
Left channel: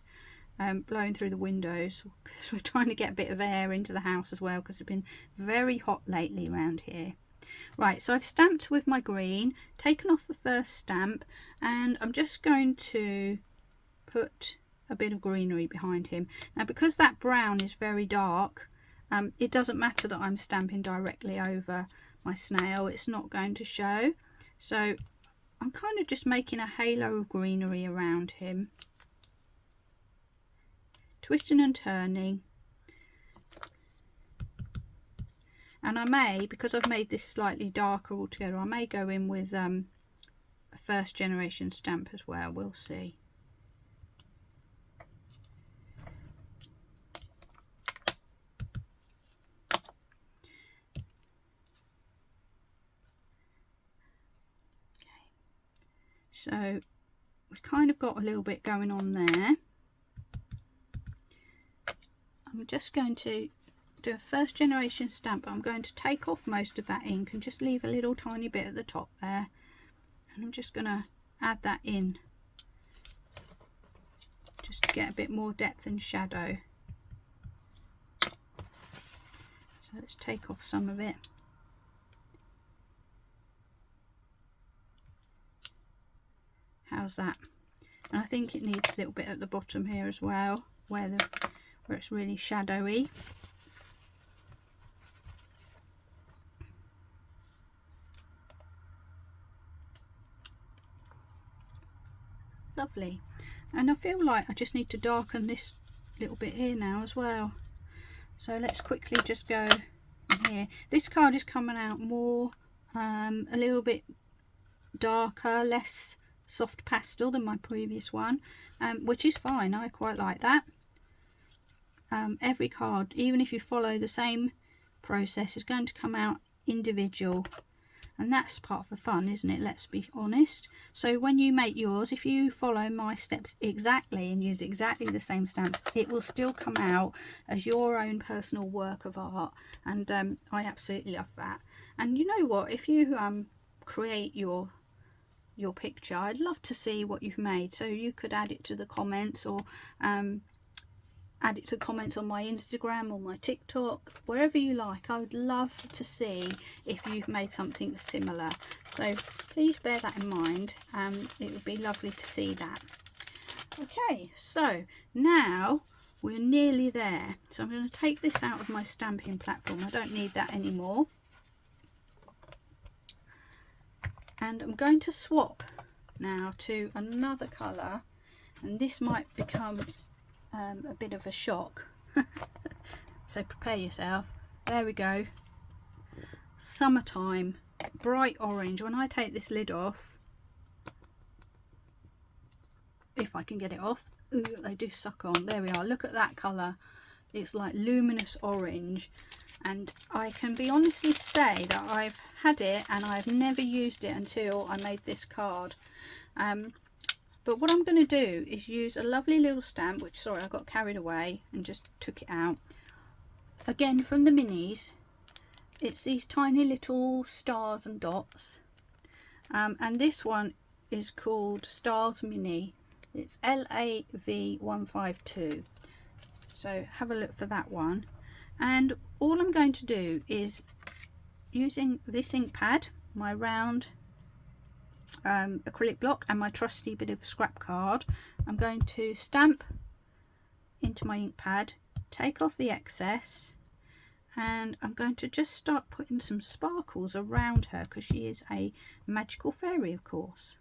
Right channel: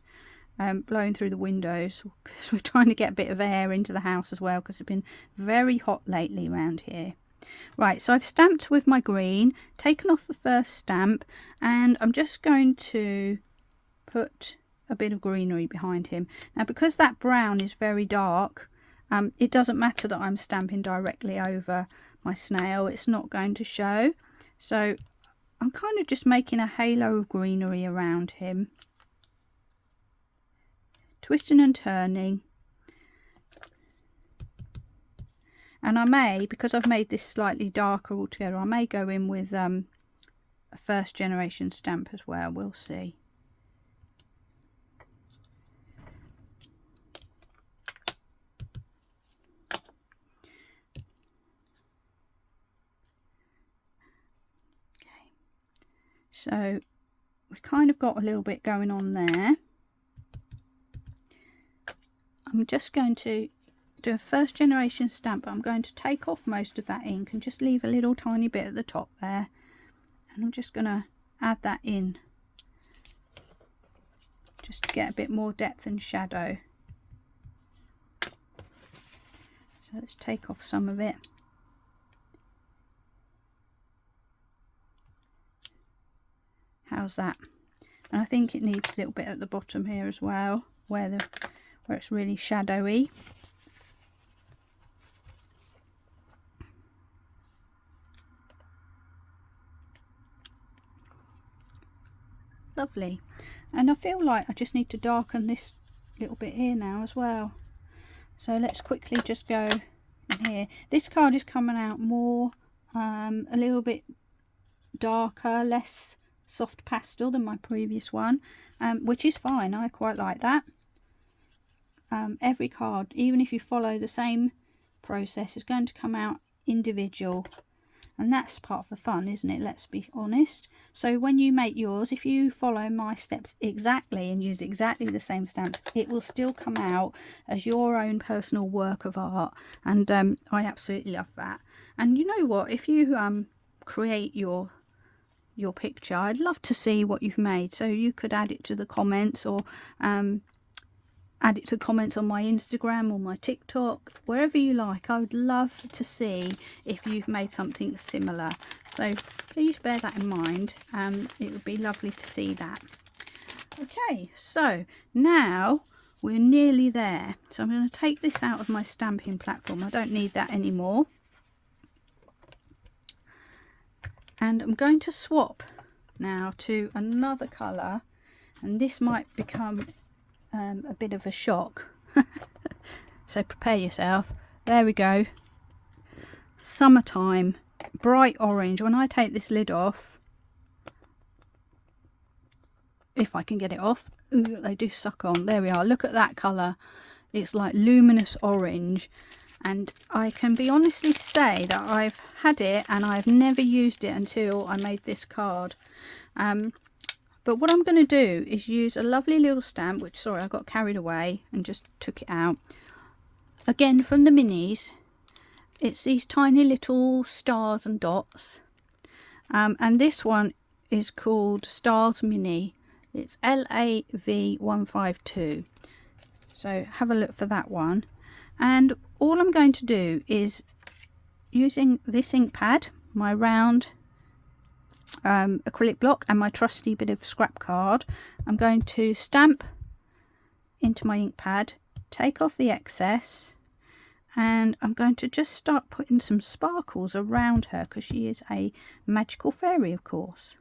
blowing through the windows because we're trying to get a bit of air into the house as well, because it's been very hot lately around here. Right, so I've stamped with my green, taken off the first stamp, and I'm just going to put a bit of greenery behind him. Now, because that brown is very dark, it doesn't matter that I'm stamping directly over my snail, it's not going to show. So I'm kind of just making a halo of greenery around him, twisting and turning. And I may, because I've made this slightly darker altogether, I may go in with a first generation stamp as well, we'll see. Okay, so we've kind of got a little bit going on there. I'm just going to do a first generation stamp, but I'm going to take off most of that ink and just leave a little tiny bit at the top there, and I'm just going to add that in just to get a bit more depth and shadow. So let's take off some of it. How's that? And I think it needs a little bit at the bottom here as well, where it's really shadowy. Lovely. And I feel like I just need to darken this little bit here now as well. So let's quickly just go in here. This card is coming out more a little bit darker, less soft pastel than my previous one, which is fine. I quite like that. Every card, even if you follow the same process, is going to come out individual, and that's part of the fun, isn't it? Let's be honest. So when you make yours, if you follow my steps exactly and use exactly the same stamps, it will still come out as your own personal work of art, and I absolutely love that. And you know what, if you create your picture, I'd love to see what you've made, so you could add it to the comments, or add it to comments on my Instagram or my TikTok, wherever you like. I would love to see if you've made something similar, so please bear that in mind. It would be lovely to see that. Okay, so now we're nearly there, so I'm going to take this out of my stamping platform. I don't need that anymore, and I'm going to swap now to another colour, and this might become a bit of a shock. So prepare yourself. There we go. Summertime, bright orange. When I take this lid off, if I can get it off, ooh, they do suck on. There we are. Look at that colour. It's like luminous orange, and I can be honestly say that I've had it and I've never used it until I made this card. But what I'm going to do is use a lovely little stamp, which, sorry, I got carried away and just took it out. Again, from the minis, it's these tiny little stars and dots. And this one is called Stars Mini. It's LAV152. So have a look for that one. And all I'm going to do is, using this ink pad, my round acrylic block, and my trusty bit of scrap card, I'm going to stamp into my ink pad, take off the excess, and I'm going to just start putting some sparkles around her, because she is a magical fairy, of course.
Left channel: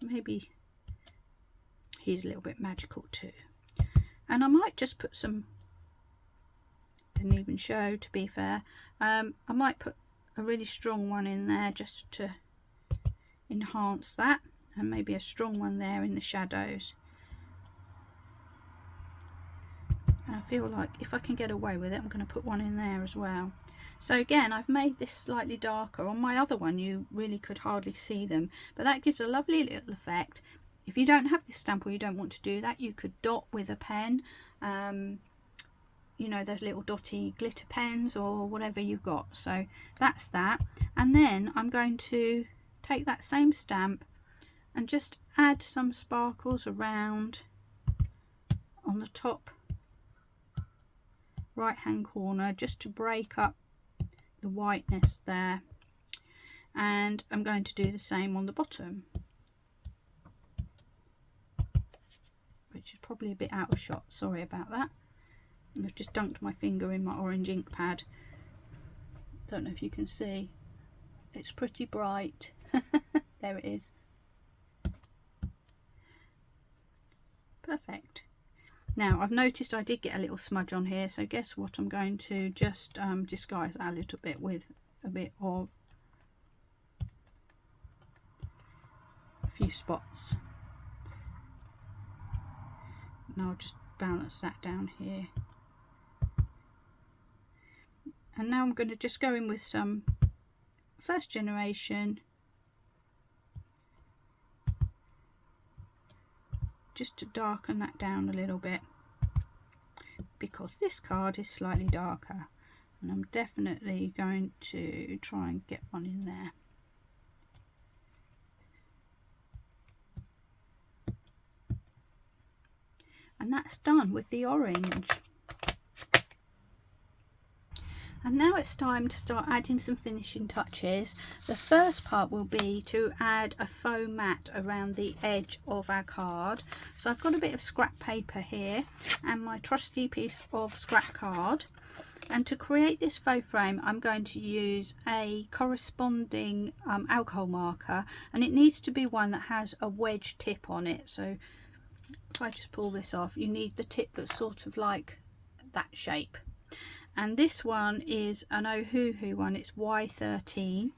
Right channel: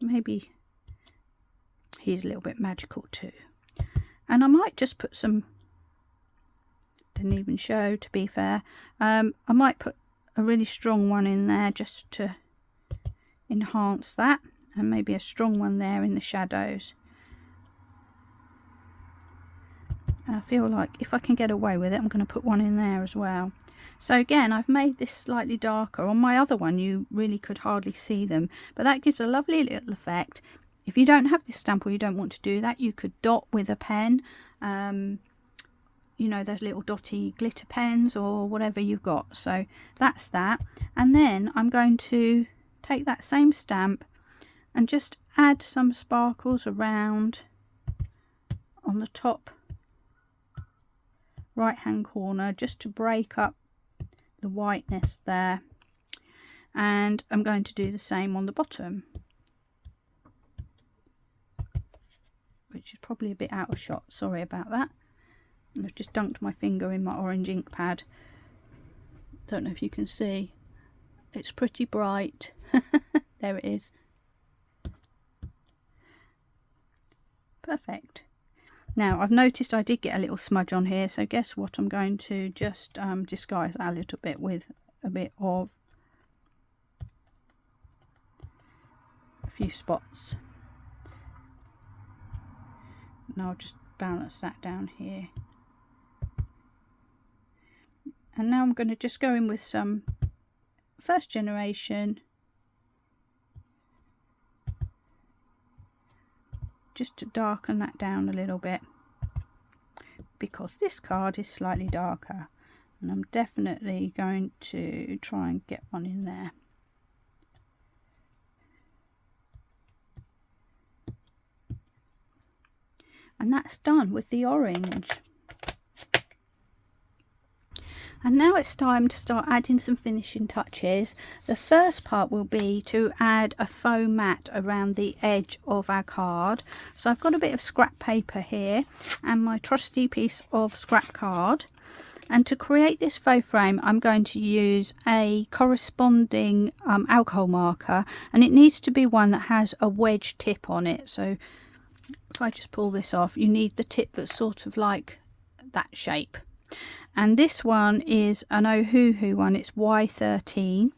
Maybe he's a little bit magical too. And I might just put some, didn't even show, to be fair, I might put a really strong one in there just to enhance that, and maybe a strong one there in the shadows. And I feel like if I can get away with it, I'm going to put one in there as well. So again, I've made this slightly darker. On my other one you really could hardly see them, but that gives a lovely little effect. If you don't have this stamp, or you don't want to do that, you could dot with a pen. You know, those little dotty glitter pens or whatever you've got. So that's that. And then I'm going to take that same stamp and just add some sparkles around on the top right hand corner, just to break up the whiteness there. And I'm going to do the same on the bottom, which is probably a bit out of shot, sorry about that. And I've just dunked my finger in my orange ink pad. Don't know if you can see, it's pretty bright. There it is. Perfect. Now I've noticed I did get a little smudge on here, so guess what, I'm going to just disguise that a little bit with a bit of a few spots. And I'll just balance that down here. And now I'm going to just go in with some first generation, just to darken that down a little bit, because this card is slightly darker, and I'm definitely going to try and get one in there. And that's done with the orange. And now it's time to start adding some finishing touches. The first part will be to add a faux mat around the edge of our card. So I've got a bit of scrap paper here and my trusty piece of scrap card. And to create this faux frame, I'm going to use a corresponding alcohol marker, and it needs to be one that has a wedge tip on it. So if I just pull this off, you need the tip that's sort of like that shape. And this one is an Ohuhu one, it's Y13.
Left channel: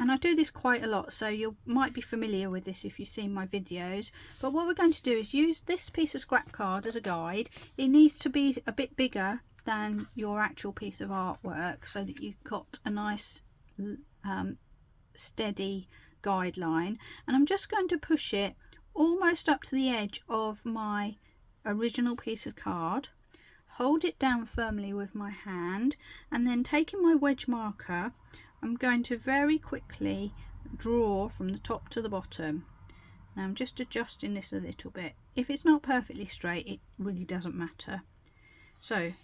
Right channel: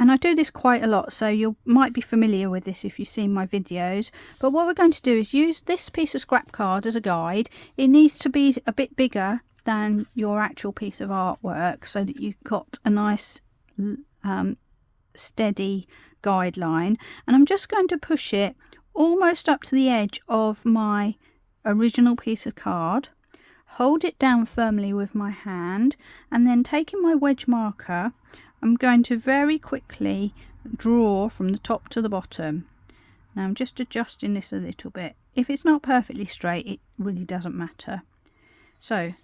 And I do this quite a lot, so you might be familiar with this if you've seen my videos. But what we're going to do is use this piece of scrap card as a guide. It needs to be a bit bigger than your actual piece of artwork, so that you've got a nice steady guideline. And I'm just going to push it almost up to the edge of my original piece of card. Hold it down firmly with my hand, and then taking my wedge marker, I'm going to very quickly draw from the top to the bottom. Now I'm just adjusting this a little bit. If it's not perfectly straight, it really doesn't matter. So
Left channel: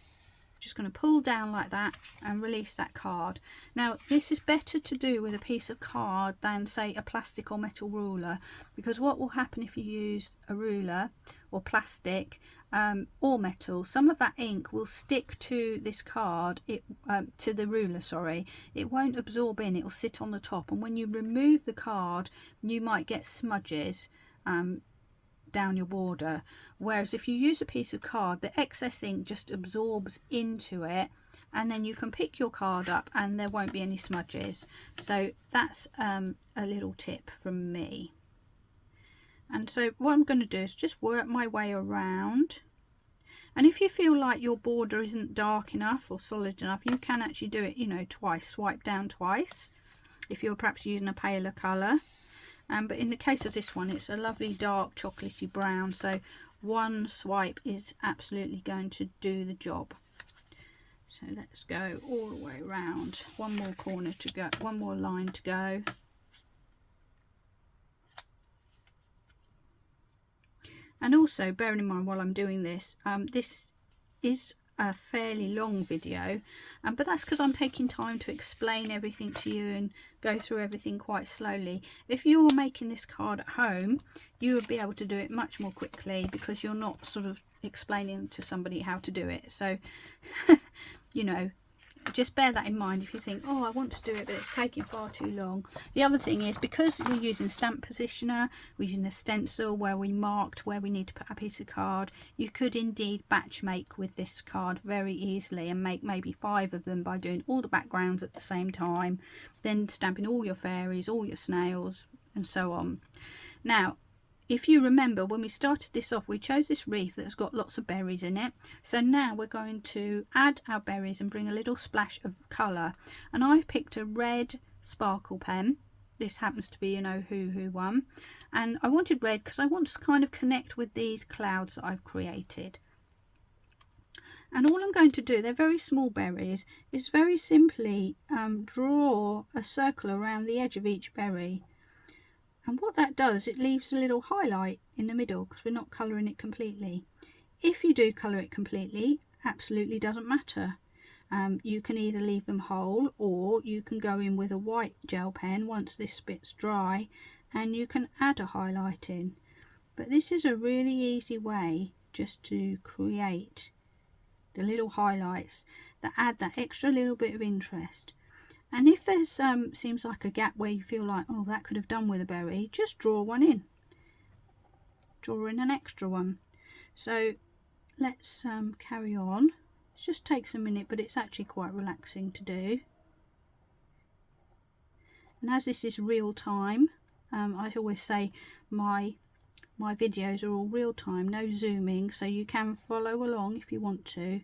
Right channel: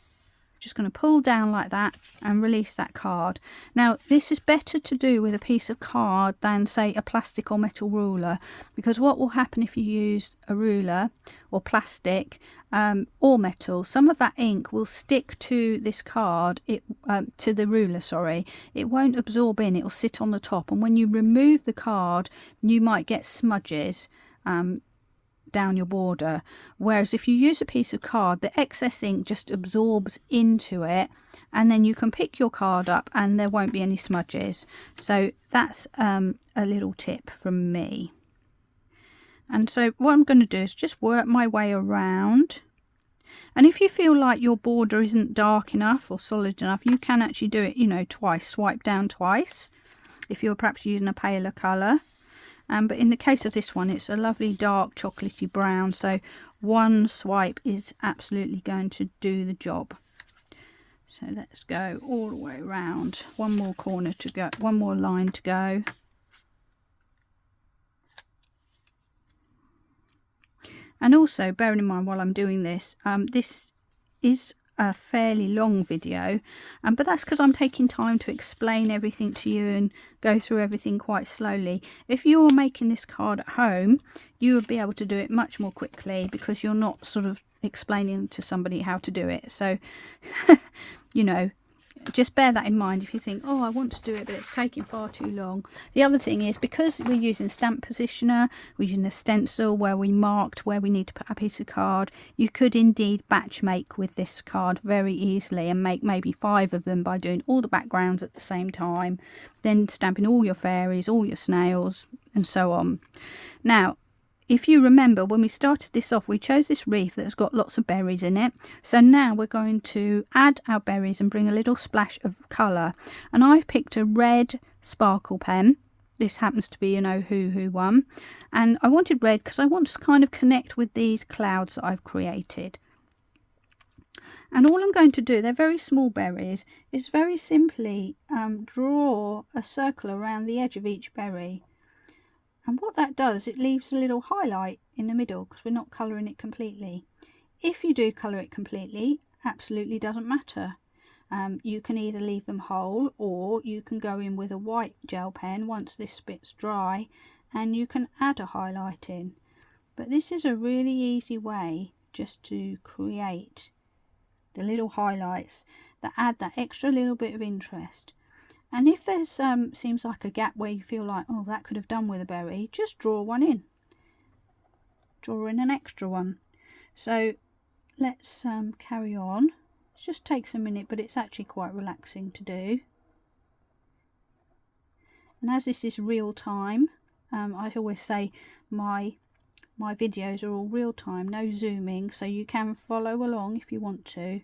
just going to pull down like that and release that card. Now this is better to do with a piece of card than say a plastic or metal ruler, because what will happen if you use a ruler or plastic or metal, some of that ink will stick to this card, to the ruler, sorry. It won't absorb in, it will sit on the top, and when you remove the card you might get smudges down your border. Whereas if you use a piece of card, the excess ink just absorbs into it, and then you can pick your card up and there won't be any smudges. So that's a little tip from me. And so what I'm going to do is just work my way around, and if you feel like your border isn't dark enough or solid enough, you can actually do it, you know, twice, swipe down twice if you're perhaps using a paler colour. But in the case of this one, it's a lovely dark chocolatey brown, so one swipe is absolutely going to do the job. So let's go all the way around. One more corner to go, one more line to go. And also bearing in mind while I'm doing this, this is a fairly long video, but that's because I'm taking time to explain everything to you and go through everything quite slowly. If you were making this card at home, you would be able to do it much more quickly, because you're not sort of explaining to somebody how to do it. So you know, just bear that in mind if you think, oh, I want to do it but it's taking far too long. The other thing is, because we're using stamp positioner, we're using a stencil where we marked where we need to put a piece of card, you could indeed batch make with this card very easily and make maybe 5 of them by doing all the backgrounds at the same time, then stamping all your fairies, all your snails and so on. Now if you remember, when we started this off, we chose this wreath that's got lots of berries in it. So now we're going to add our berries and bring a little splash of colour. And I've picked a red sparkle pen. This happens to be an Ohuhu one. And I wanted red because I want to kind of connect with these clouds that I've created. And all I'm going to do, they're very small berries, is very simply draw a circle around the edge of each berry. And what that does, it leaves a little highlight in the middle because we're not colouring it completely. If you do colour it completely, absolutely doesn't matter. You can either leave them whole, or you can go in with a white gel pen once this bit's dry and you can add a highlight in. But this is a really easy way just to create the little highlights that add that extra little bit of interest. And if there's seems like a gap where you feel like, oh, that could have done with a berry, just draw one in. Draw in an extra one. So let's carry on. It just takes a minute, but it's actually quite relaxing to do. And as this is real time, I always say my videos are all real time, no zooming, so you can follow along if you want to.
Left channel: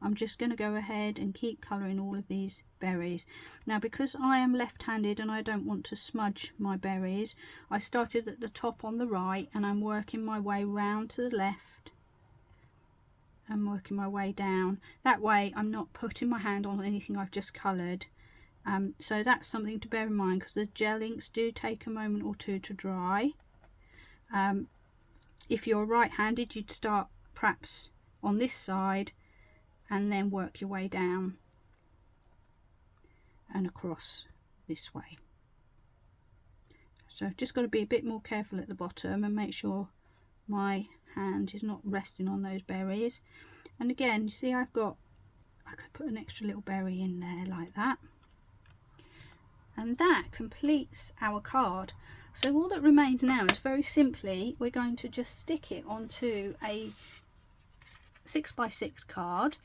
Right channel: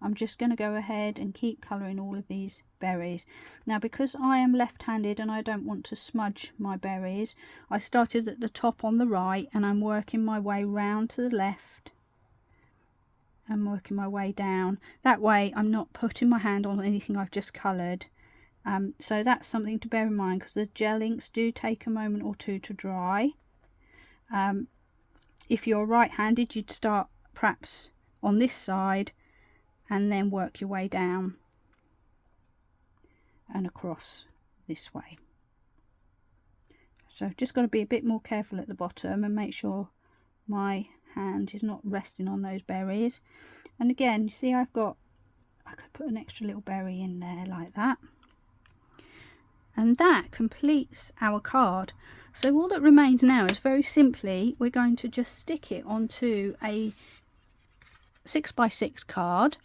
I'm just going to go ahead and keep colouring all of these berries. Now, because I am left-handed and I don't want to smudge my berries, I started at the top on the right and I'm working my way round to the left and working my way down. That way I'm not putting my hand on anything I've just coloured. So that's something to bear in mind, because the gel inks do take a moment or two to dry. If you're right-handed, you'd start perhaps on this side and then work your way down and across this way. So I've just got to be a bit more careful at the bottom and make sure my hand is not resting on those berries. And again, you see I could put an extra little berry in there like that. And that completes our card. So all that remains now is, very simply, we're going to just stick it onto a 6x6 card.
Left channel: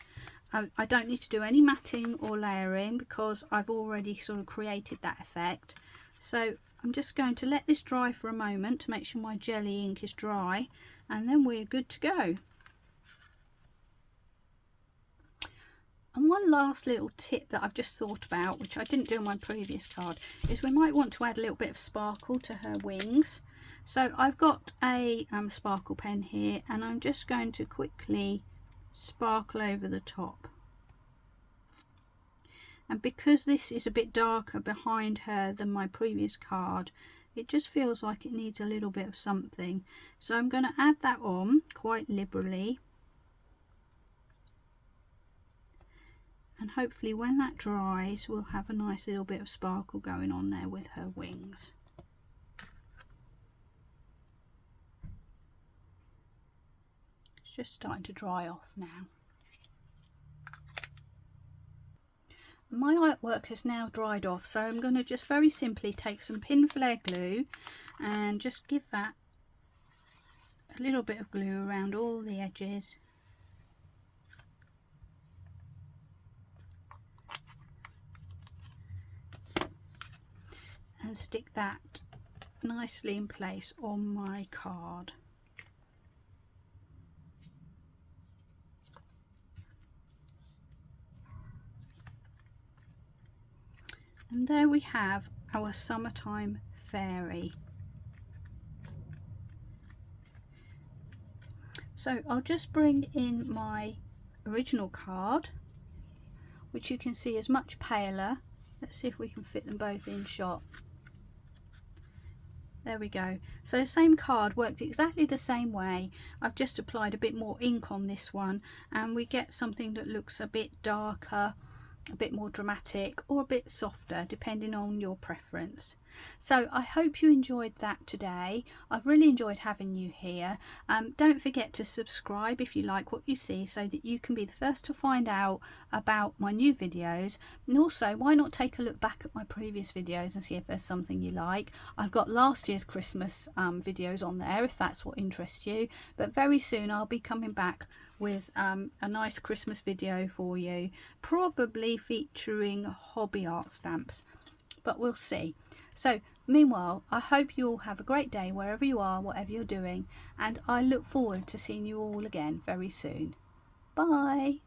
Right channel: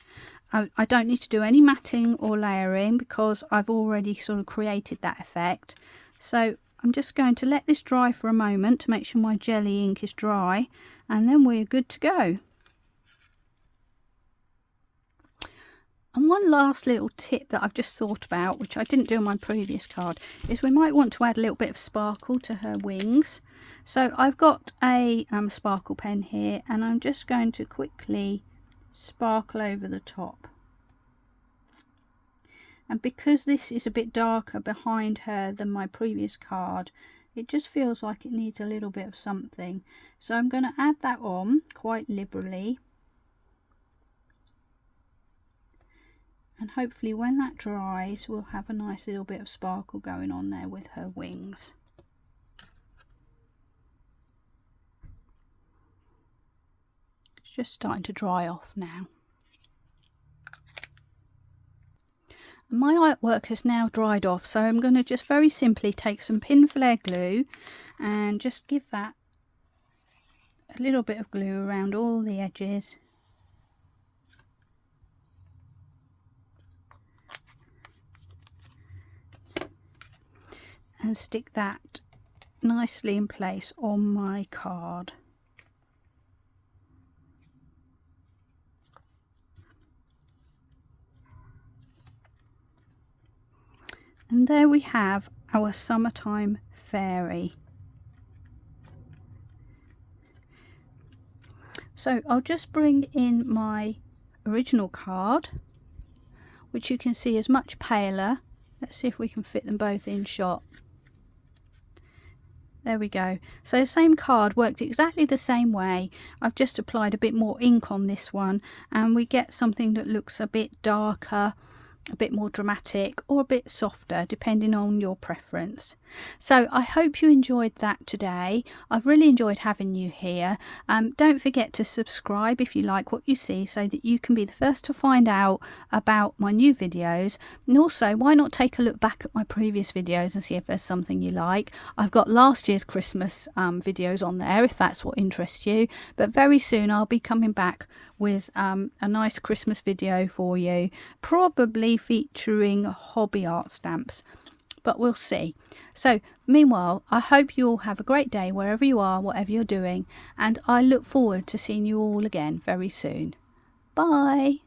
I don't need to do any matting or layering because I've already sort of created that effect. So I'm just going to let this dry for a moment to make sure my jelly ink is dry, and then we're good to go. And one last little tip that I've just thought about, which I didn't do on my previous card, is we might want to add a little bit of sparkle to her wings. So I've got a sparkle pen here, and I'm just going to quickly sparkle over the top. And because this is a bit darker behind her than my previous card, it just feels like it needs a little bit of something. So I'm going to add that on quite liberally. And hopefully when that dries, we'll have a nice little bit of sparkle going on there with her wings. It's just starting to dry off now. My artwork has now dried off, so I'm going to just very simply take some pin flare glue and just give that a little bit of glue around all the edges. And stick that nicely in place on my card. And there we have our summertime fairy. So I'll just bring in my original card, which you can see is much paler. Let's see if we can fit them both in shot. There we go. So the same card worked exactly the same way. I've just applied a bit more ink on this one, and we get something that looks a bit darker, a bit more dramatic, or a bit softer, depending on your preference. So I hope you enjoyed that today. I've really enjoyed having you here. Don't forget to subscribe if you like what you see, so that you can be the first to find out about my new videos. And also, why not take a look back at my previous videos and see if there's something you like. I've got last year's Christmas videos on there if that's what interests you, but very soon I'll be coming back with a nice Christmas video for you, probably featuring hobby art stamps, but we'll see. So meanwhile, I hope you all have a great day wherever you are, whatever you're doing, and I look forward to seeing you all again very soon. Bye.